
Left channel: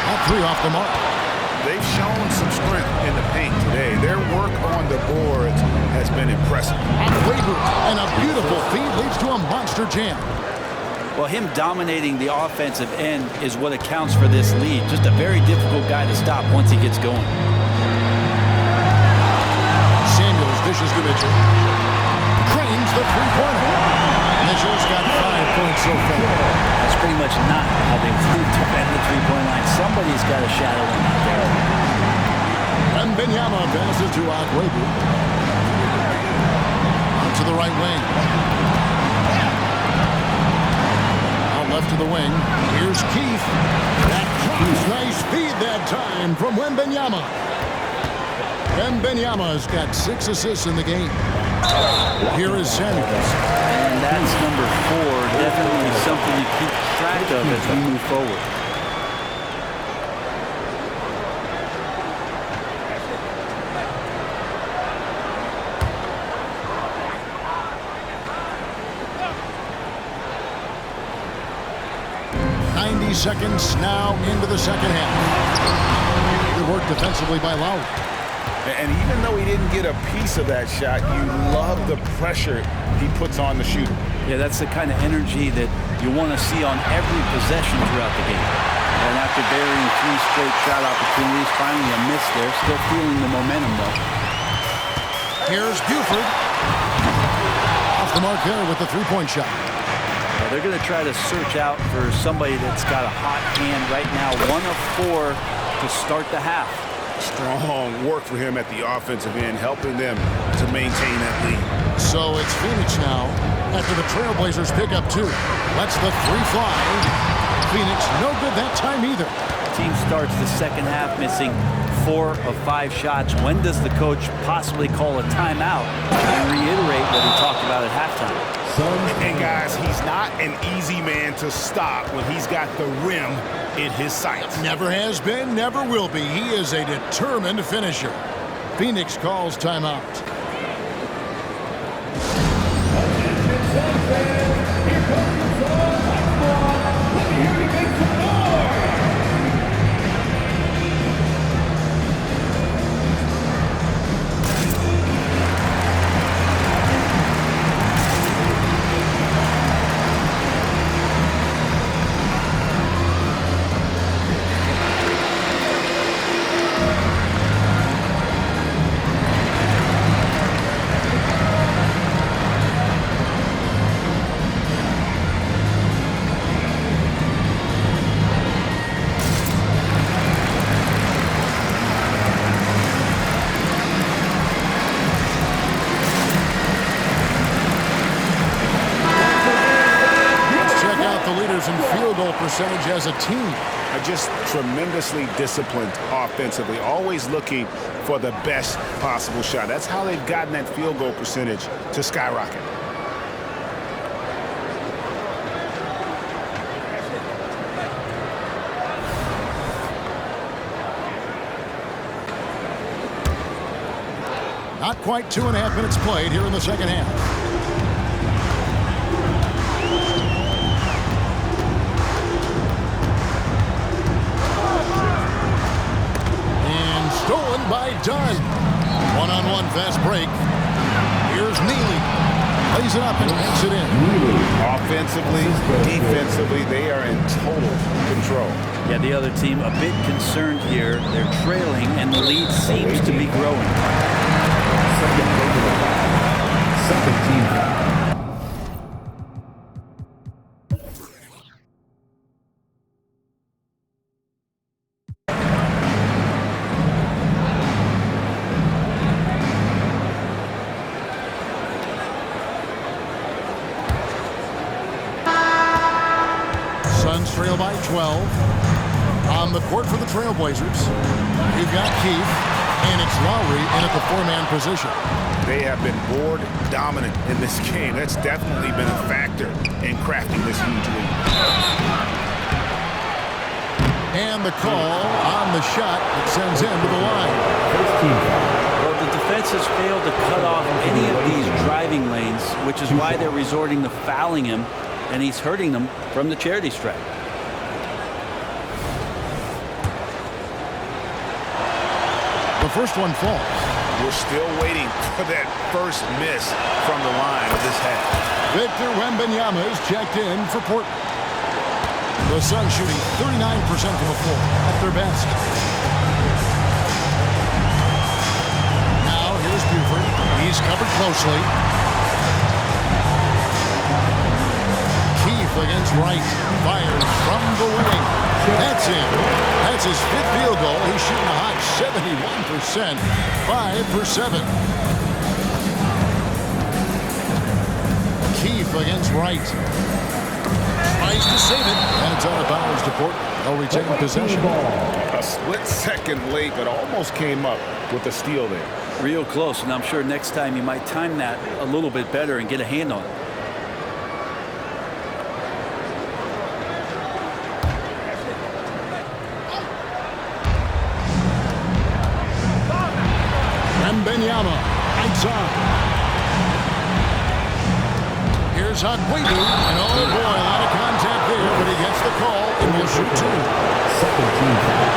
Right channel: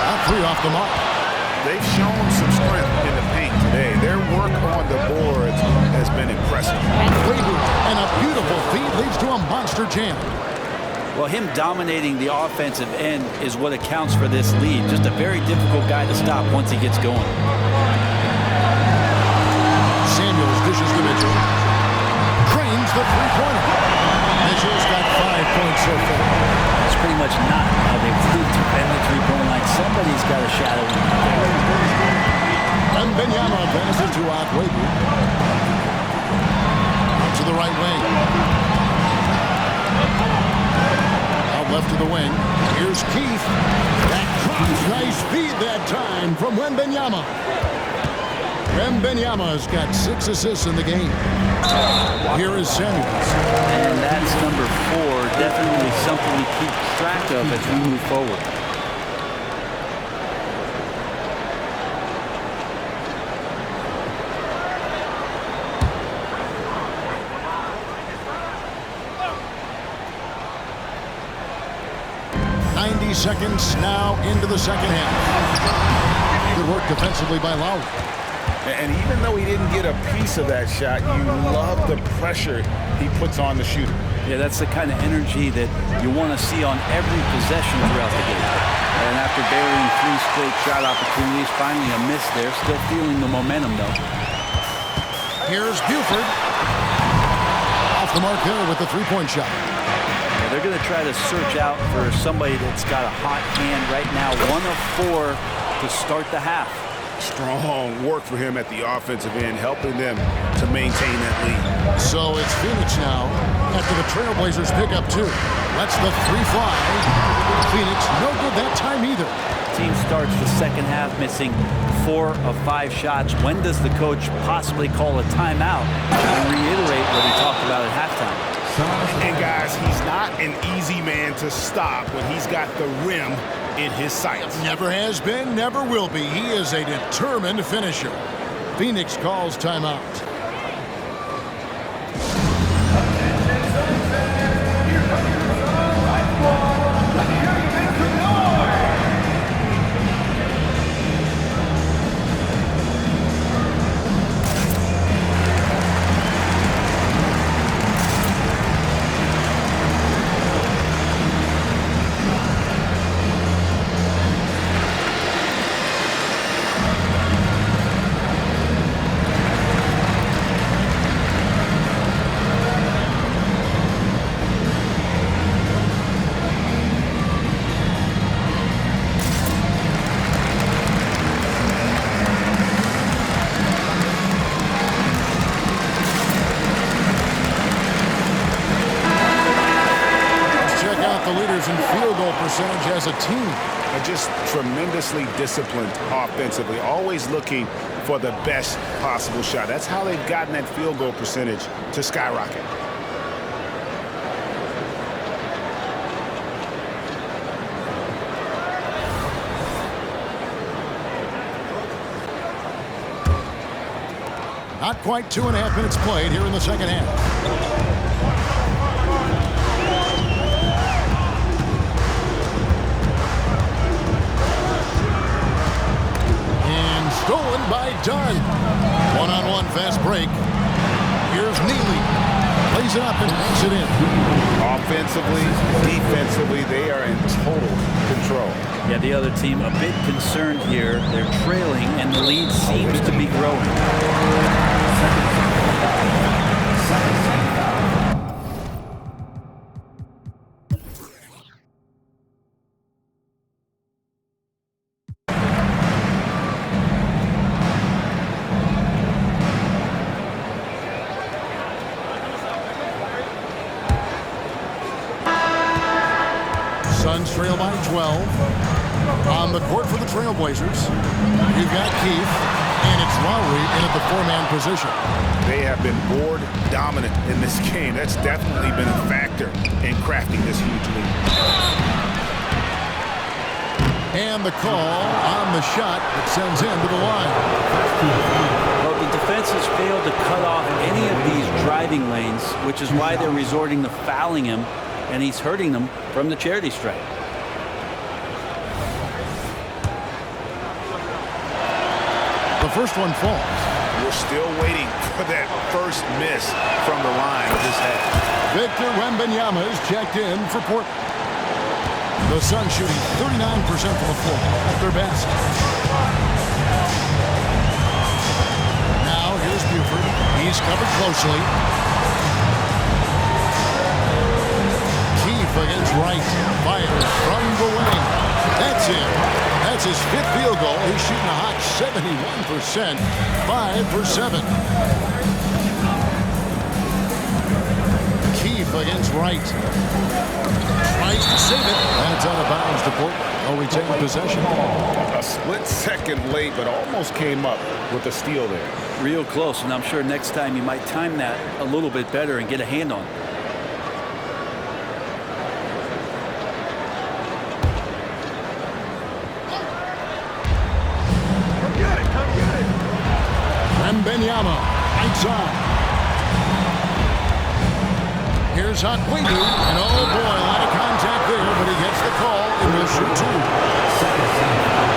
That three off the mark. They've shown some strength in the paint today. Their work on the boards has been impressive. And a beautiful feed leads to a monster jam. Well, him dominating the offensive end is what accounts for this lead. Just a very difficult guy to stop once he gets going. Samuels dishes to Mitchell. Cranes the three-pointer. Mitchell's got 5 points so far. That's pretty much not how they want to defend the three-point line. Somebody's got to shadow him out there. Wembanyama passes to Akwebu. Out to the right wing. Out left to the wing. Here's Keith. That cross. Nice feed that time from Wembanyama. Wembanyama's got 6 assists in the game. Here is Samuels. And that's number 4. Definitely something to keep track of as we move forward. Seconds now into the second half. Good work defensively by Lowry. And even though he didn't get a piece of that shot, you love the pressure he puts on the shooter. Yeah, that's the kind of energy that you want to see on every possession throughout the game. And after burying 3 straight shot opportunities, finally a miss there. Still feeling the momentum, though. Here's Buford. Off the mark there with the three-point shot. They're going to try to search out for somebody that's got a hot hand right now. 1 of 4 to start the half. Strong work for him at the offensive end, helping them to maintain that lead. So it's Phoenix now after the Trailblazers pick up 2. Lets the 3 fly. Phoenix no good that time either. Team starts the second half missing 4 of 5 shots. When does the coach possibly call a timeout and reiterate what he talked about at halftime? And guys, he's not an easy man to stop when he's got the rim in his sights. Never has been, never will be. He is a determined finisher. Phoenix calls timeout. Here comes your son, Mike Brown. Let me hear you make some noise. The leaders in field goal percentage as a team. Are just tremendously disciplined offensively, always looking for the best possible shot. That's how they've gotten that field goal percentage to skyrocket. Not quite 2.5 minutes played here in the second half. Stolen by Dunn. One-on-one fast break. Here's Neely. Plays it up and makes it in. Offensively, defensively, they are in total control. Yeah, the other team a bit concerned here. They're trailing, and the lead seems to be growing. Second team foul. Suns trail by 12. On the court for the Trailblazers, you've got Keith, and it's Lowry in at the 4-man position. They have been board dominant in this game. That's definitely been a factor in crafting this huge lead. And the call on the shot that sends him to the line. Well, the defense has failed to cut off any of these driving lanes, which is why they're resorting to fouling him, and he's hurting them from the charity stripe. The first one falls. We're still waiting for that first miss from the line of this half. Victor Wembanyama is checked in for Portland. The Suns shooting 39% from the floor at their best. Now here's Buford. He's covered closely. Keefe against Wright. Fires from the wing. That's in. That's his 5th field goal. He's shooting a hot 71%. 5 for 7. Keefe against Wright. Tries to save it, and it's out of bounds to Portland. They'll retain possession. A split second late, but almost came up with a steal there. Real close, and I'm sure next time you might time that a little bit better and get a hand on it. Wembanyama, outside. Here's Akwebu, and oh boy, a lot of contact there, but he gets the call and will shoot 2. Second team foul.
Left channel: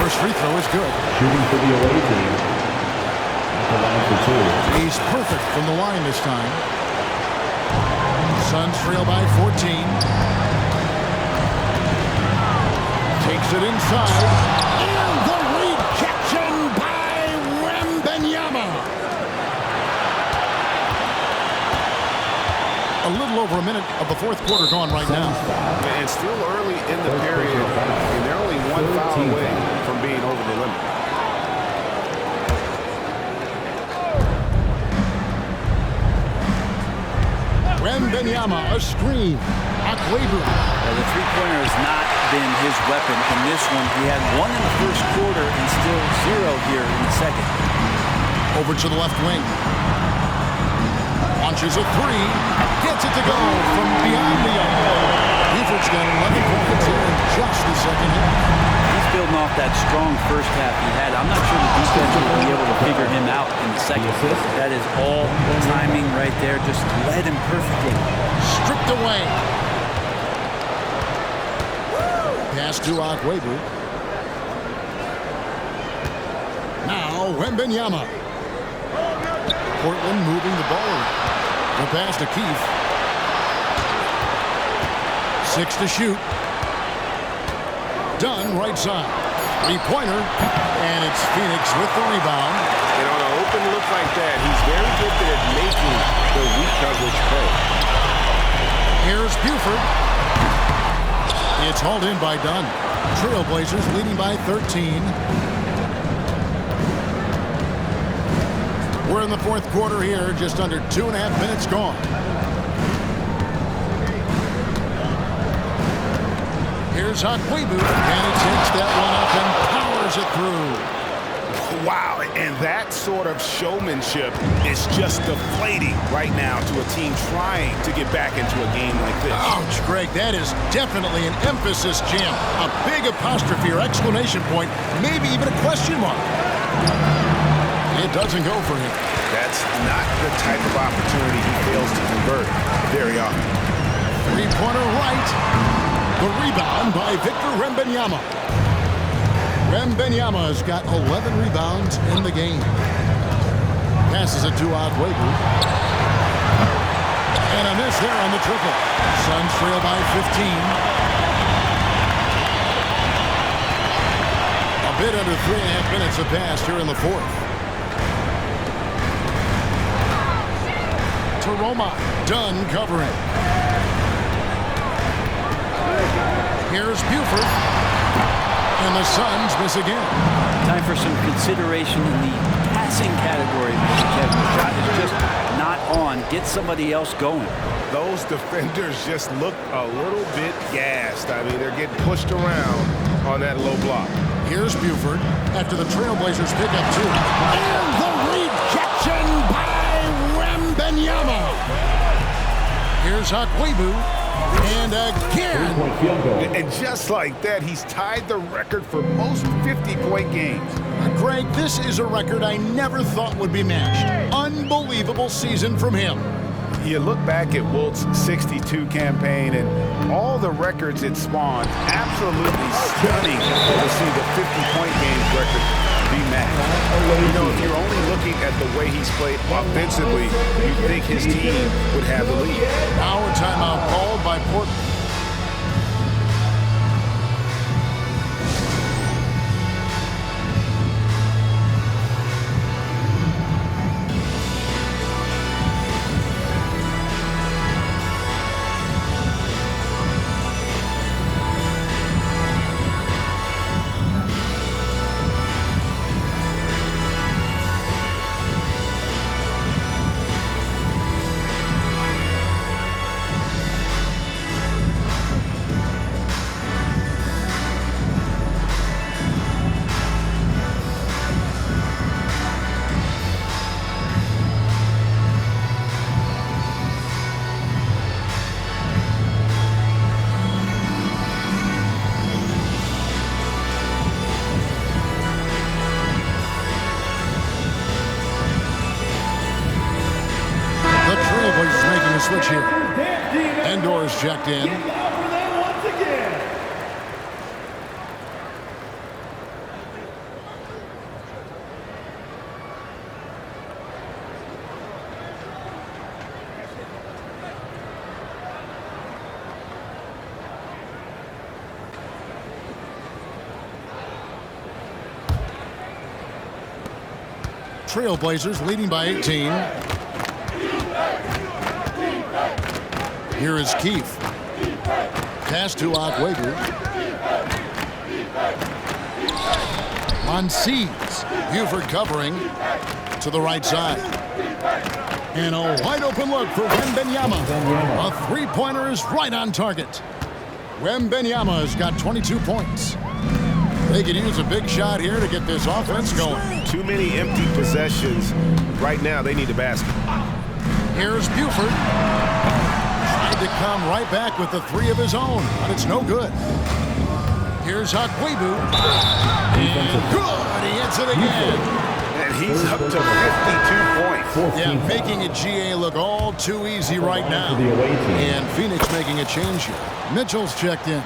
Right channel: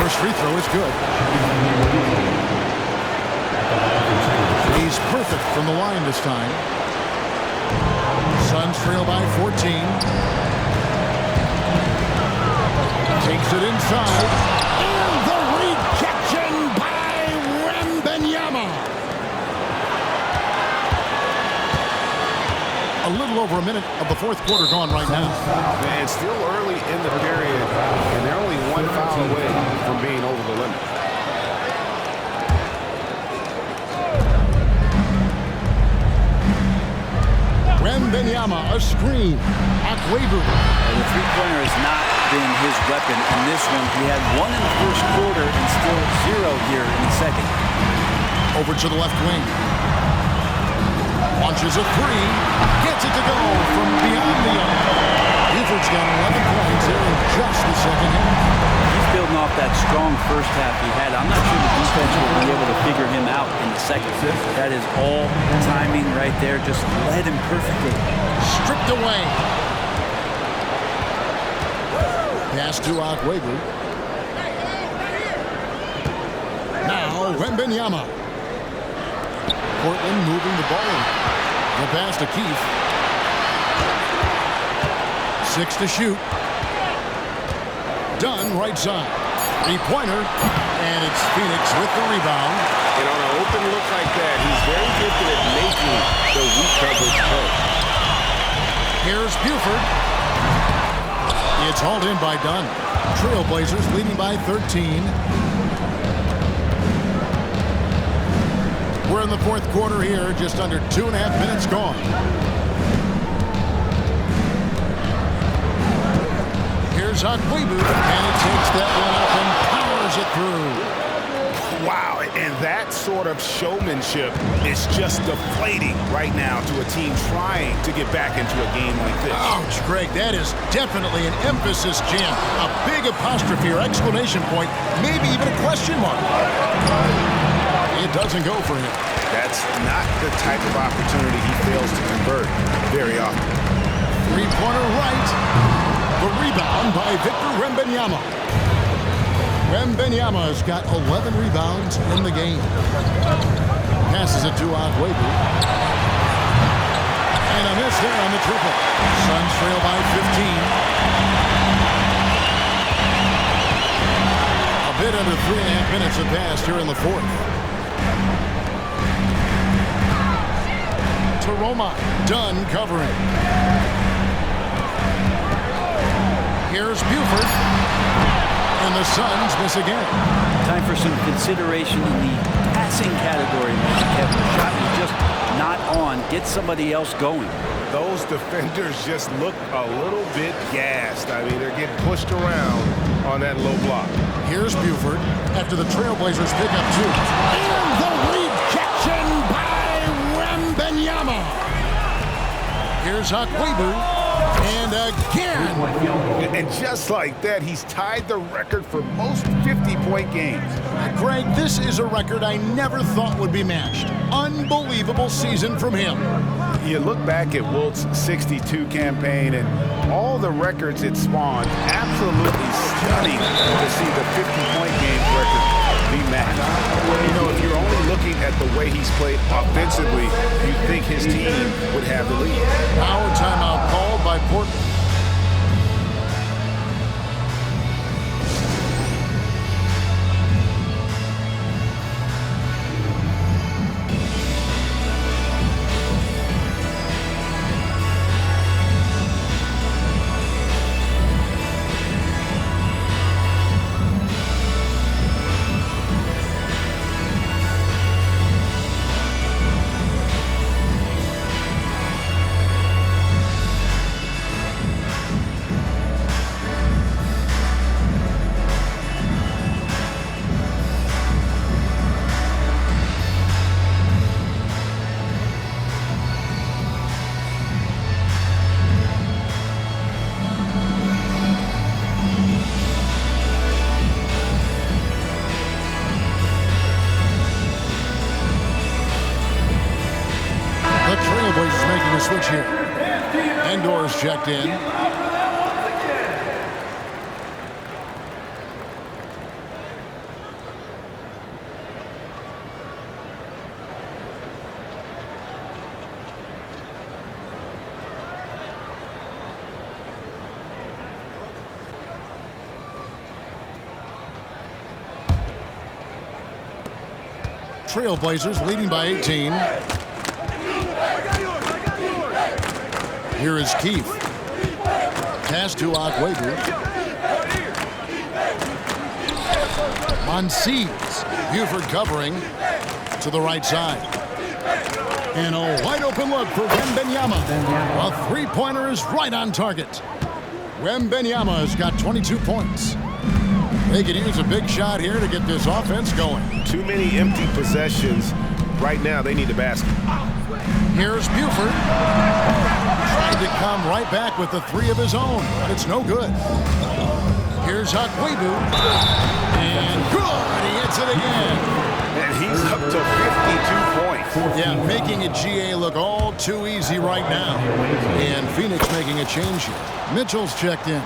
First free throw is good. Shooting for the away team. At the line for 2. He's perfect from the line this time. Suns trail by 14. Takes it inside, and the rejection by Wembanyama. A little over a minute of the fourth quarter gone right now. And still early in the period, and they're only 1 foul away from being over the limit. Wembanyama, a screen. Akwebu. The three-pointer has not been his weapon in this one. He had 1 in the first quarter and still 0 here in the second. Over to the left wing. Launches a 3. Gets it to go from beyond the arc. Buford's got 11 points here in just the second half. He's building off that strong first half he had. I'm not sure the defense will be able to figure him out in the second. That is all timing right there. Just led him perfectly. Stripped away. Pass to Akwebu. Now Wembanyama. Portland moving the ball around. The pass to Keefe. 6 to shoot. Dunn right side. 3-pointer. And it's Phoenix with the rebound. And on an open look like that, he's very gifted at making the weak coverage pay. Here's Buford. It's hauled in by Dunn. Trailblazers leading by 13. We're in the fourth quarter here, just under 2.5 minutes gone. Here's Akwebu, and he takes that one up and powers it through. Wow, and that sort of showmanship is just deflating right now to a team trying to get back into a game like this. Ouch, Greg, that is definitely an emphasis jam. A big apostrophe or exclamation point, maybe even a question mark. It doesn't go for him. That's not the type of opportunity he fails to convert very often. 3-pointer right. The rebound by Victor Wembanyama. Wembanyama has got 11 rebounds in the game. Passes it to Akwebu. And a miss there on the triple. Suns trail by 15. A bit under 3.5 minutes have passed here in the fourth. To Roma. Dunn covering. Here's Buford. And the Suns miss again. Time for some consideration in the passing category, maybe, Kevin. The shot is just not on. Get somebody else going. Those defenders just look a little bit gassed. I mean, they're getting pushed around on that low block. Here's Buford after the Trailblazers pick up 2. And the rejection by Wembanyama. Here's Akwebu. And again. And just like that, he's tied the record for most 50-point games. Greg, this is a record I never thought would be matched. Unbelievable season from him. You look back at Wilt's 62 campaign and all the records it spawned, absolutely stunning to see the 50-point games record be matched. You know, if you're only looking at the way he's played offensively, you'd think his team would have the lead. Now a timeout called by Portland. The Trailblazers making a switch here. Endor's checked in. Trailblazers leading by 18. Here is Keefe. Pass to Akwebu. Monsies. Buford covering to the right side. And a wide open look for Wembanyama. A three-pointer is right on target. Wembanyama has got 22 points. They could use a big shot here to get this offense going. Too many empty possessions. Right now, they need a basket. Here's Buford. Tried to come right back with the three of his own, but it's no good. Here's Akwebu. And good! He hits it again. And he's up to 52 points. Yeah, making a GA look all too easy right now. And Phoenix making a change here. Mitchell's checked in.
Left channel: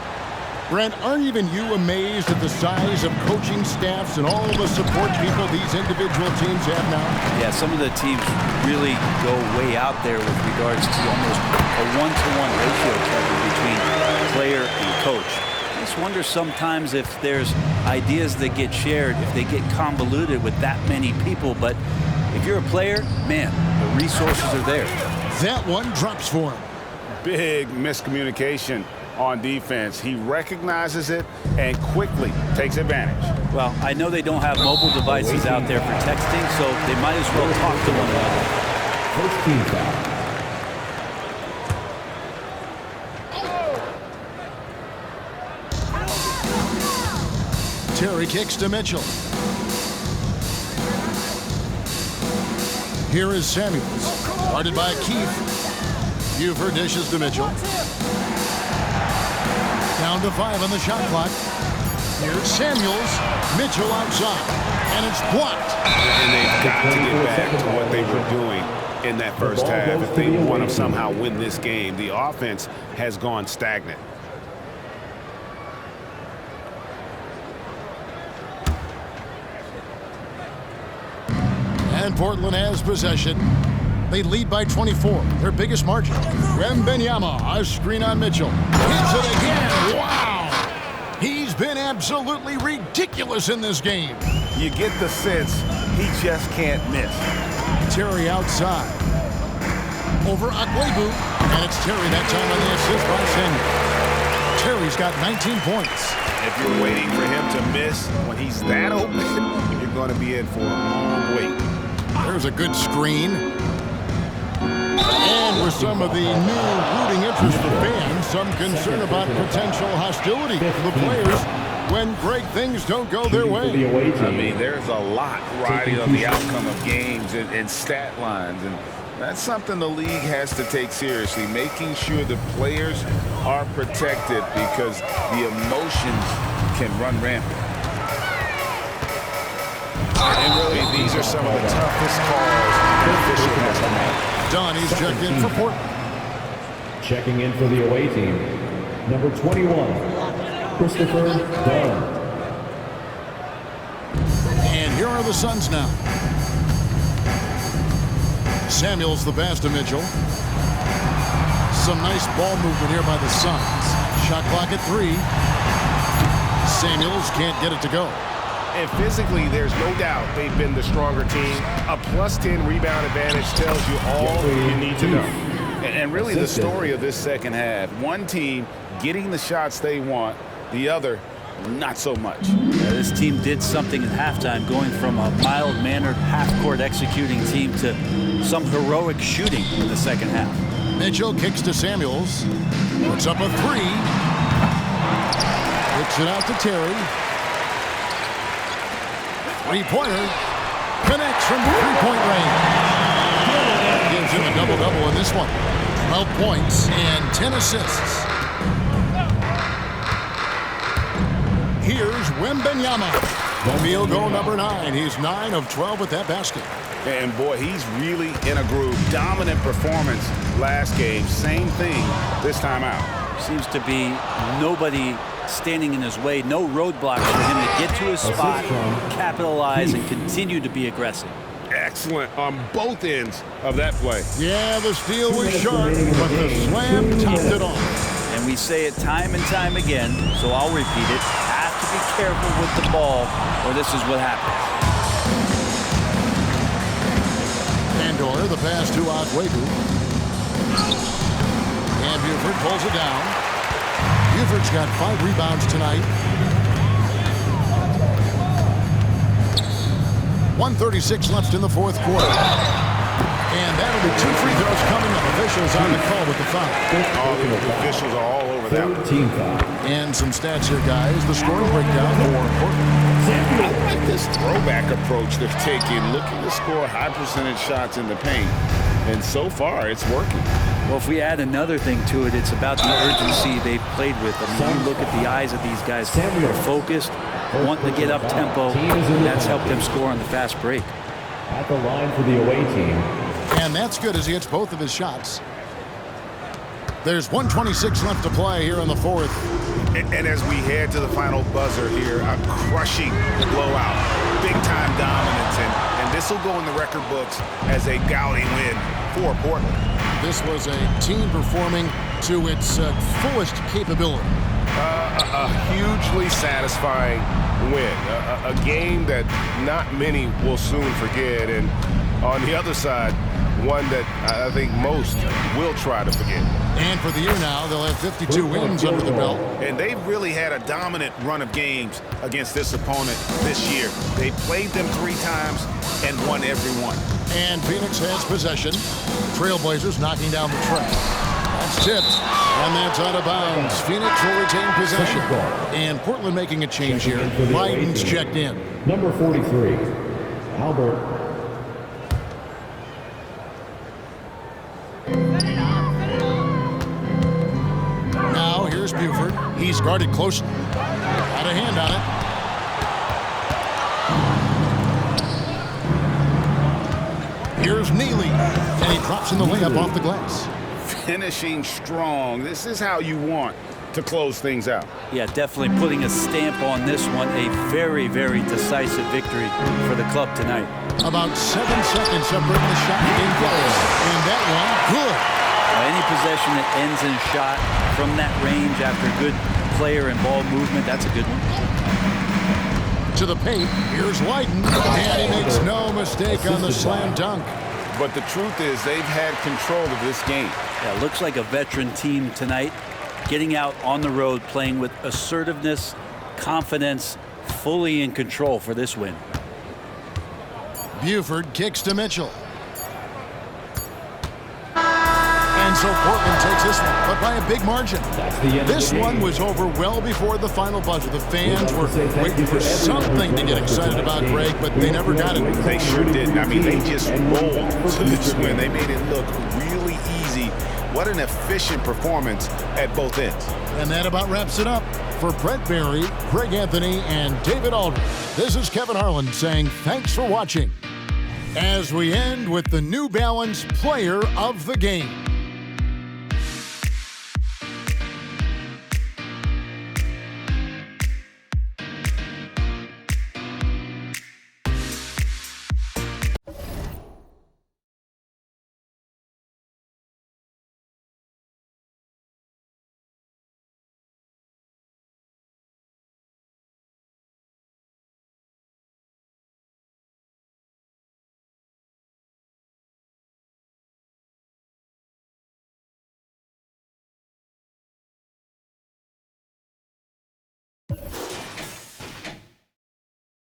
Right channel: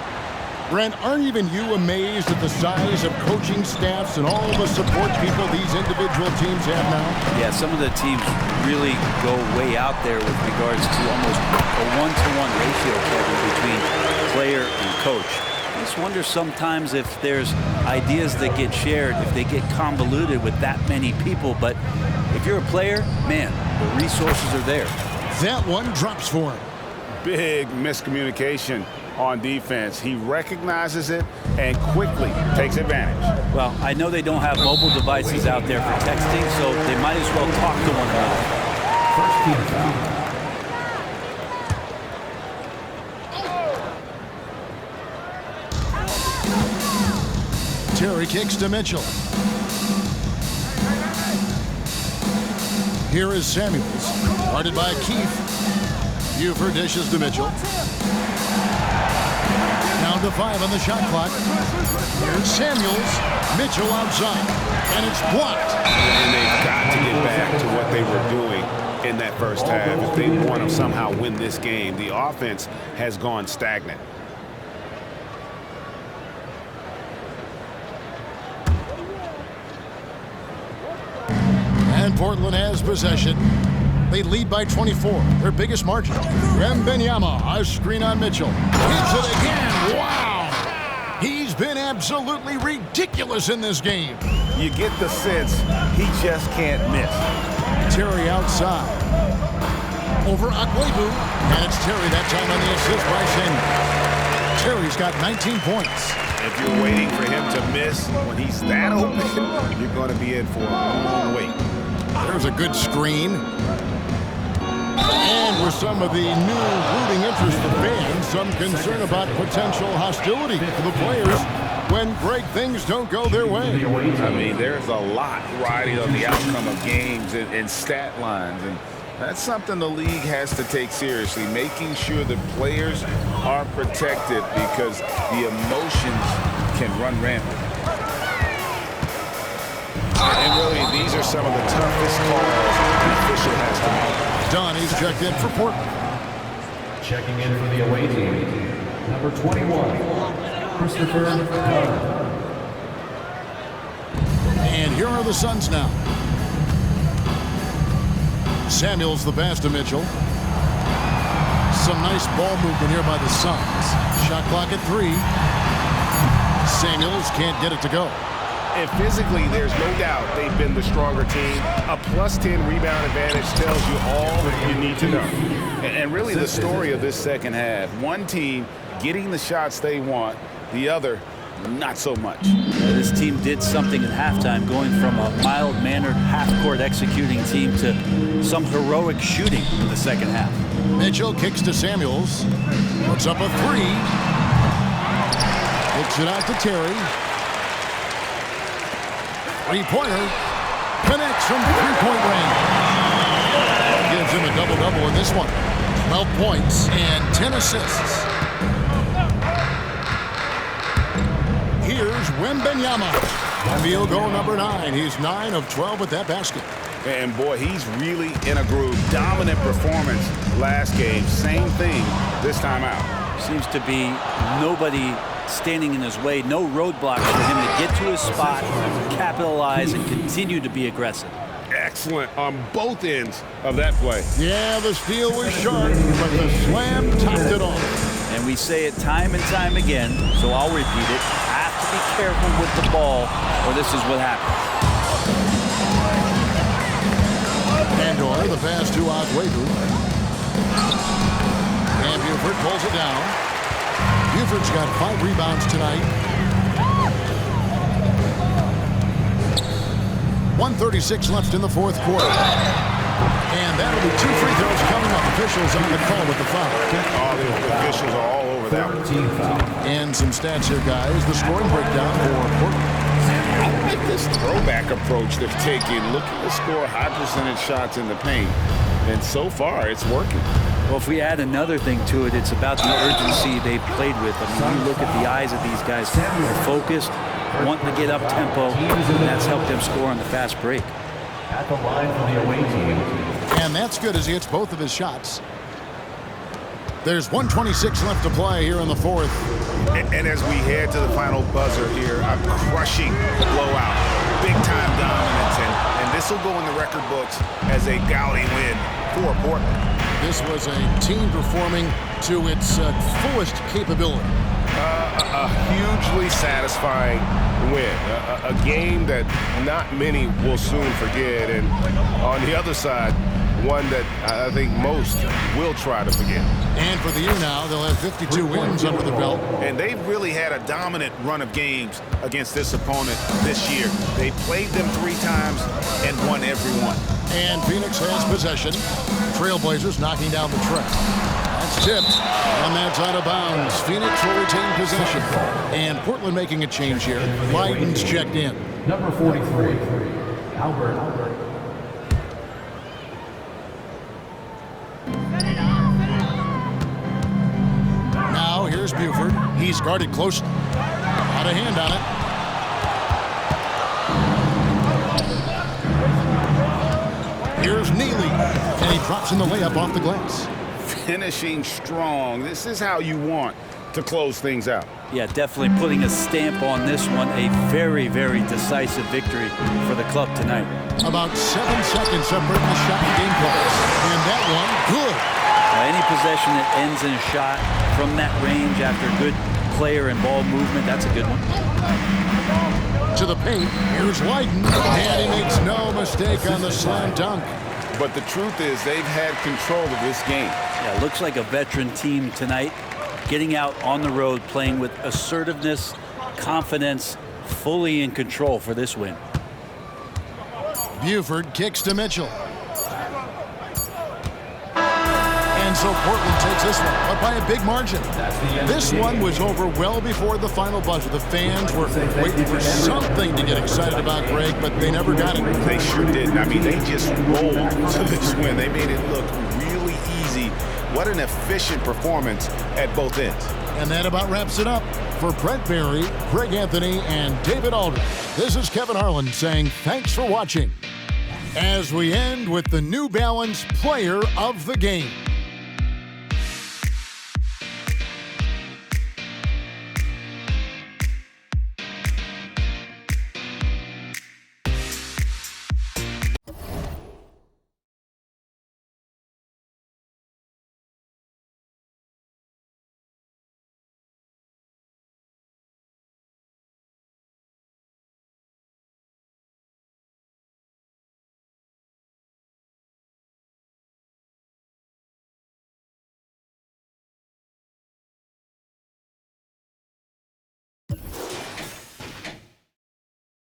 Brent, aren't even you amazed at the size of coaching staffs and all the support people these individual teams have now? Yeah, some of the teams really go way out there with regards to almost a one-to-one ratio, Kevin, between player and coach. I just wonder sometimes if there's ideas that get shared, if they get convoluted with that many people. But if you're a player, man, the resources are there. That one drops for him. Big miscommunication on defense. He recognizes it and quickly takes advantage. Well, I know they don't have mobile devices out there for texting, so they might as well talk to one another. First team foul. Terry kicks to Mitchell. Here is Samuels, guarded by Keefe. Buford dishes to Mitchell. Down to 5 on the shot clock. Here's Samuels. Mitchell outside, and it's blocked. And they've got to get back to what they were doing in that first half if they want to somehow win this game. The offense has gone stagnant. And Portland has possession. They lead by 24, their biggest margin. Wembanyama, a screen on Mitchell. Hits it again. Wow! He's been absolutely ridiculous in this game. You get the sense he just can't miss. Terry outside. Over Akwebu. And it's Terry that time on the assist by Samuels. Terry's got 19 points. If you're waiting for him to miss when he's that open, you're going to be in for a long wait. There's a good screen. And with some of the new rooting interest for fans, some concern about potential hostility for the players when great things don't go their way. I mean, there's a lot riding on the outcome of games and stat lines. And That's something the league has to take seriously, making sure the players are protected because the emotions can run rampant. And really, these are some of the toughest calls an official has to make. Donnie's checked in for Portland. Checking in for the away team, number 21, Christopher Dunn. And here are the Suns now. Samuels the pass to Mitchell. Some nice ball movement here by the Suns. Shot clock at 3. Samuels can't get it to go. And physically, there's no doubt they've been the stronger team. A +10 rebound advantage tells you all you need to know. And really the story of this second half, one team getting the shots they want, the other not so much. Yeah, this team did something at halftime, going from a mild-mannered half-court executing team to some heroic shooting in the second half. Mitchell kicks to Samuels. Puts up a 3. Kicks it out to Terry. Three-pointer. Connects from three-point range. That gives him a double-double in this one. 12 points and 10 assists. Here's Wembanyama. Field goal number 9. He's 9 of 12 with that basket. And boy, he's really in a groove. Dominant performance last game. Same thing this time out. Seems to be nobody standing in his way. No roadblocks for him to get to his spot, capitalize, and continue to be aggressive. Excellent on both ends of that play. Yeah, the steal was sharp, but the slam topped it off. And we say it time and time again, so I'll repeat it. Have to be careful with the ball, or this is what happens. Pandora, the pass to Akwebu. And Buford pulls it down. Buford's got 5 rebounds tonight. 1:36 left in the fourth quarter. And that'll be 2 free throws coming up. Officials on the call with the foul. Oh, the officials are all over that one. Team foul. And some stats here, guys. The scoring breakdown for Portland. I like this throwback approach they're taking, looking to score high percentage shots in the paint. And so far, it's working. Well, if we add another thing to it, it's about the urgency they've played with. I mean, you look at the eyes of these guys. They're focused, wanting to get up tempo, and that's helped them score on the fast break. At the line for the away team. And that's good as he hits both of his shots. There's 1:26 left to play here in the fourth. And as we head to the final buzzer here, a crushing blowout. Big-time dominance, and this will go in the record books as a gaudy win for Portland. This was a team performing to its fullest capability. A hugely satisfying win. A game that not many will soon forget. And on the other side, one that I think most will try to forget. And for the year now, they'll have 52 wins under the belt. And they've really had a dominant run of games against this opponent this year. They played them 3 times and won every one. And Phoenix has possession. Trailblazers knocking down the track. That's tipped, and that's out of bounds. Phoenix will retain possession. And Portland making a change here. Biden's checked in. Number 43, Albert. Now here's Buford. He's guarded closely. Got a hand on it. Here's Neely, and he drops in the layup off the glass. Finishing strong. This is how you want to close things out. Yeah, definitely putting a stamp on this one. A very, very decisive victory for the club tonight. About 7 seconds separating the shot and game clock. And that one, good. Now, any possession that ends in a shot from that range after good player and ball movement, that's a good one. To the paint, here's Leiden, and he makes no mistake on the slam dunk. But the truth is they've had control of this game. Yeah, looks like a veteran team tonight, getting out on the road, playing with assertiveness, confidence, fully in control for this win. Buford kicks to Mitchell. And And so Portland takes this one, but by a big margin. This one was over well before the final buzzer. The fans were waiting for something to get excited about, Greg, but they never got it. They sure didn't. I mean, they just rolled to this win. They made it look really easy. What an efficient performance at both ends. And that about wraps it up. For Brent Barry, Greg Anthony, and David Aldridge, this is Kevin Harlan saying thanks for watching. As we end with the New Balance Player of the Game.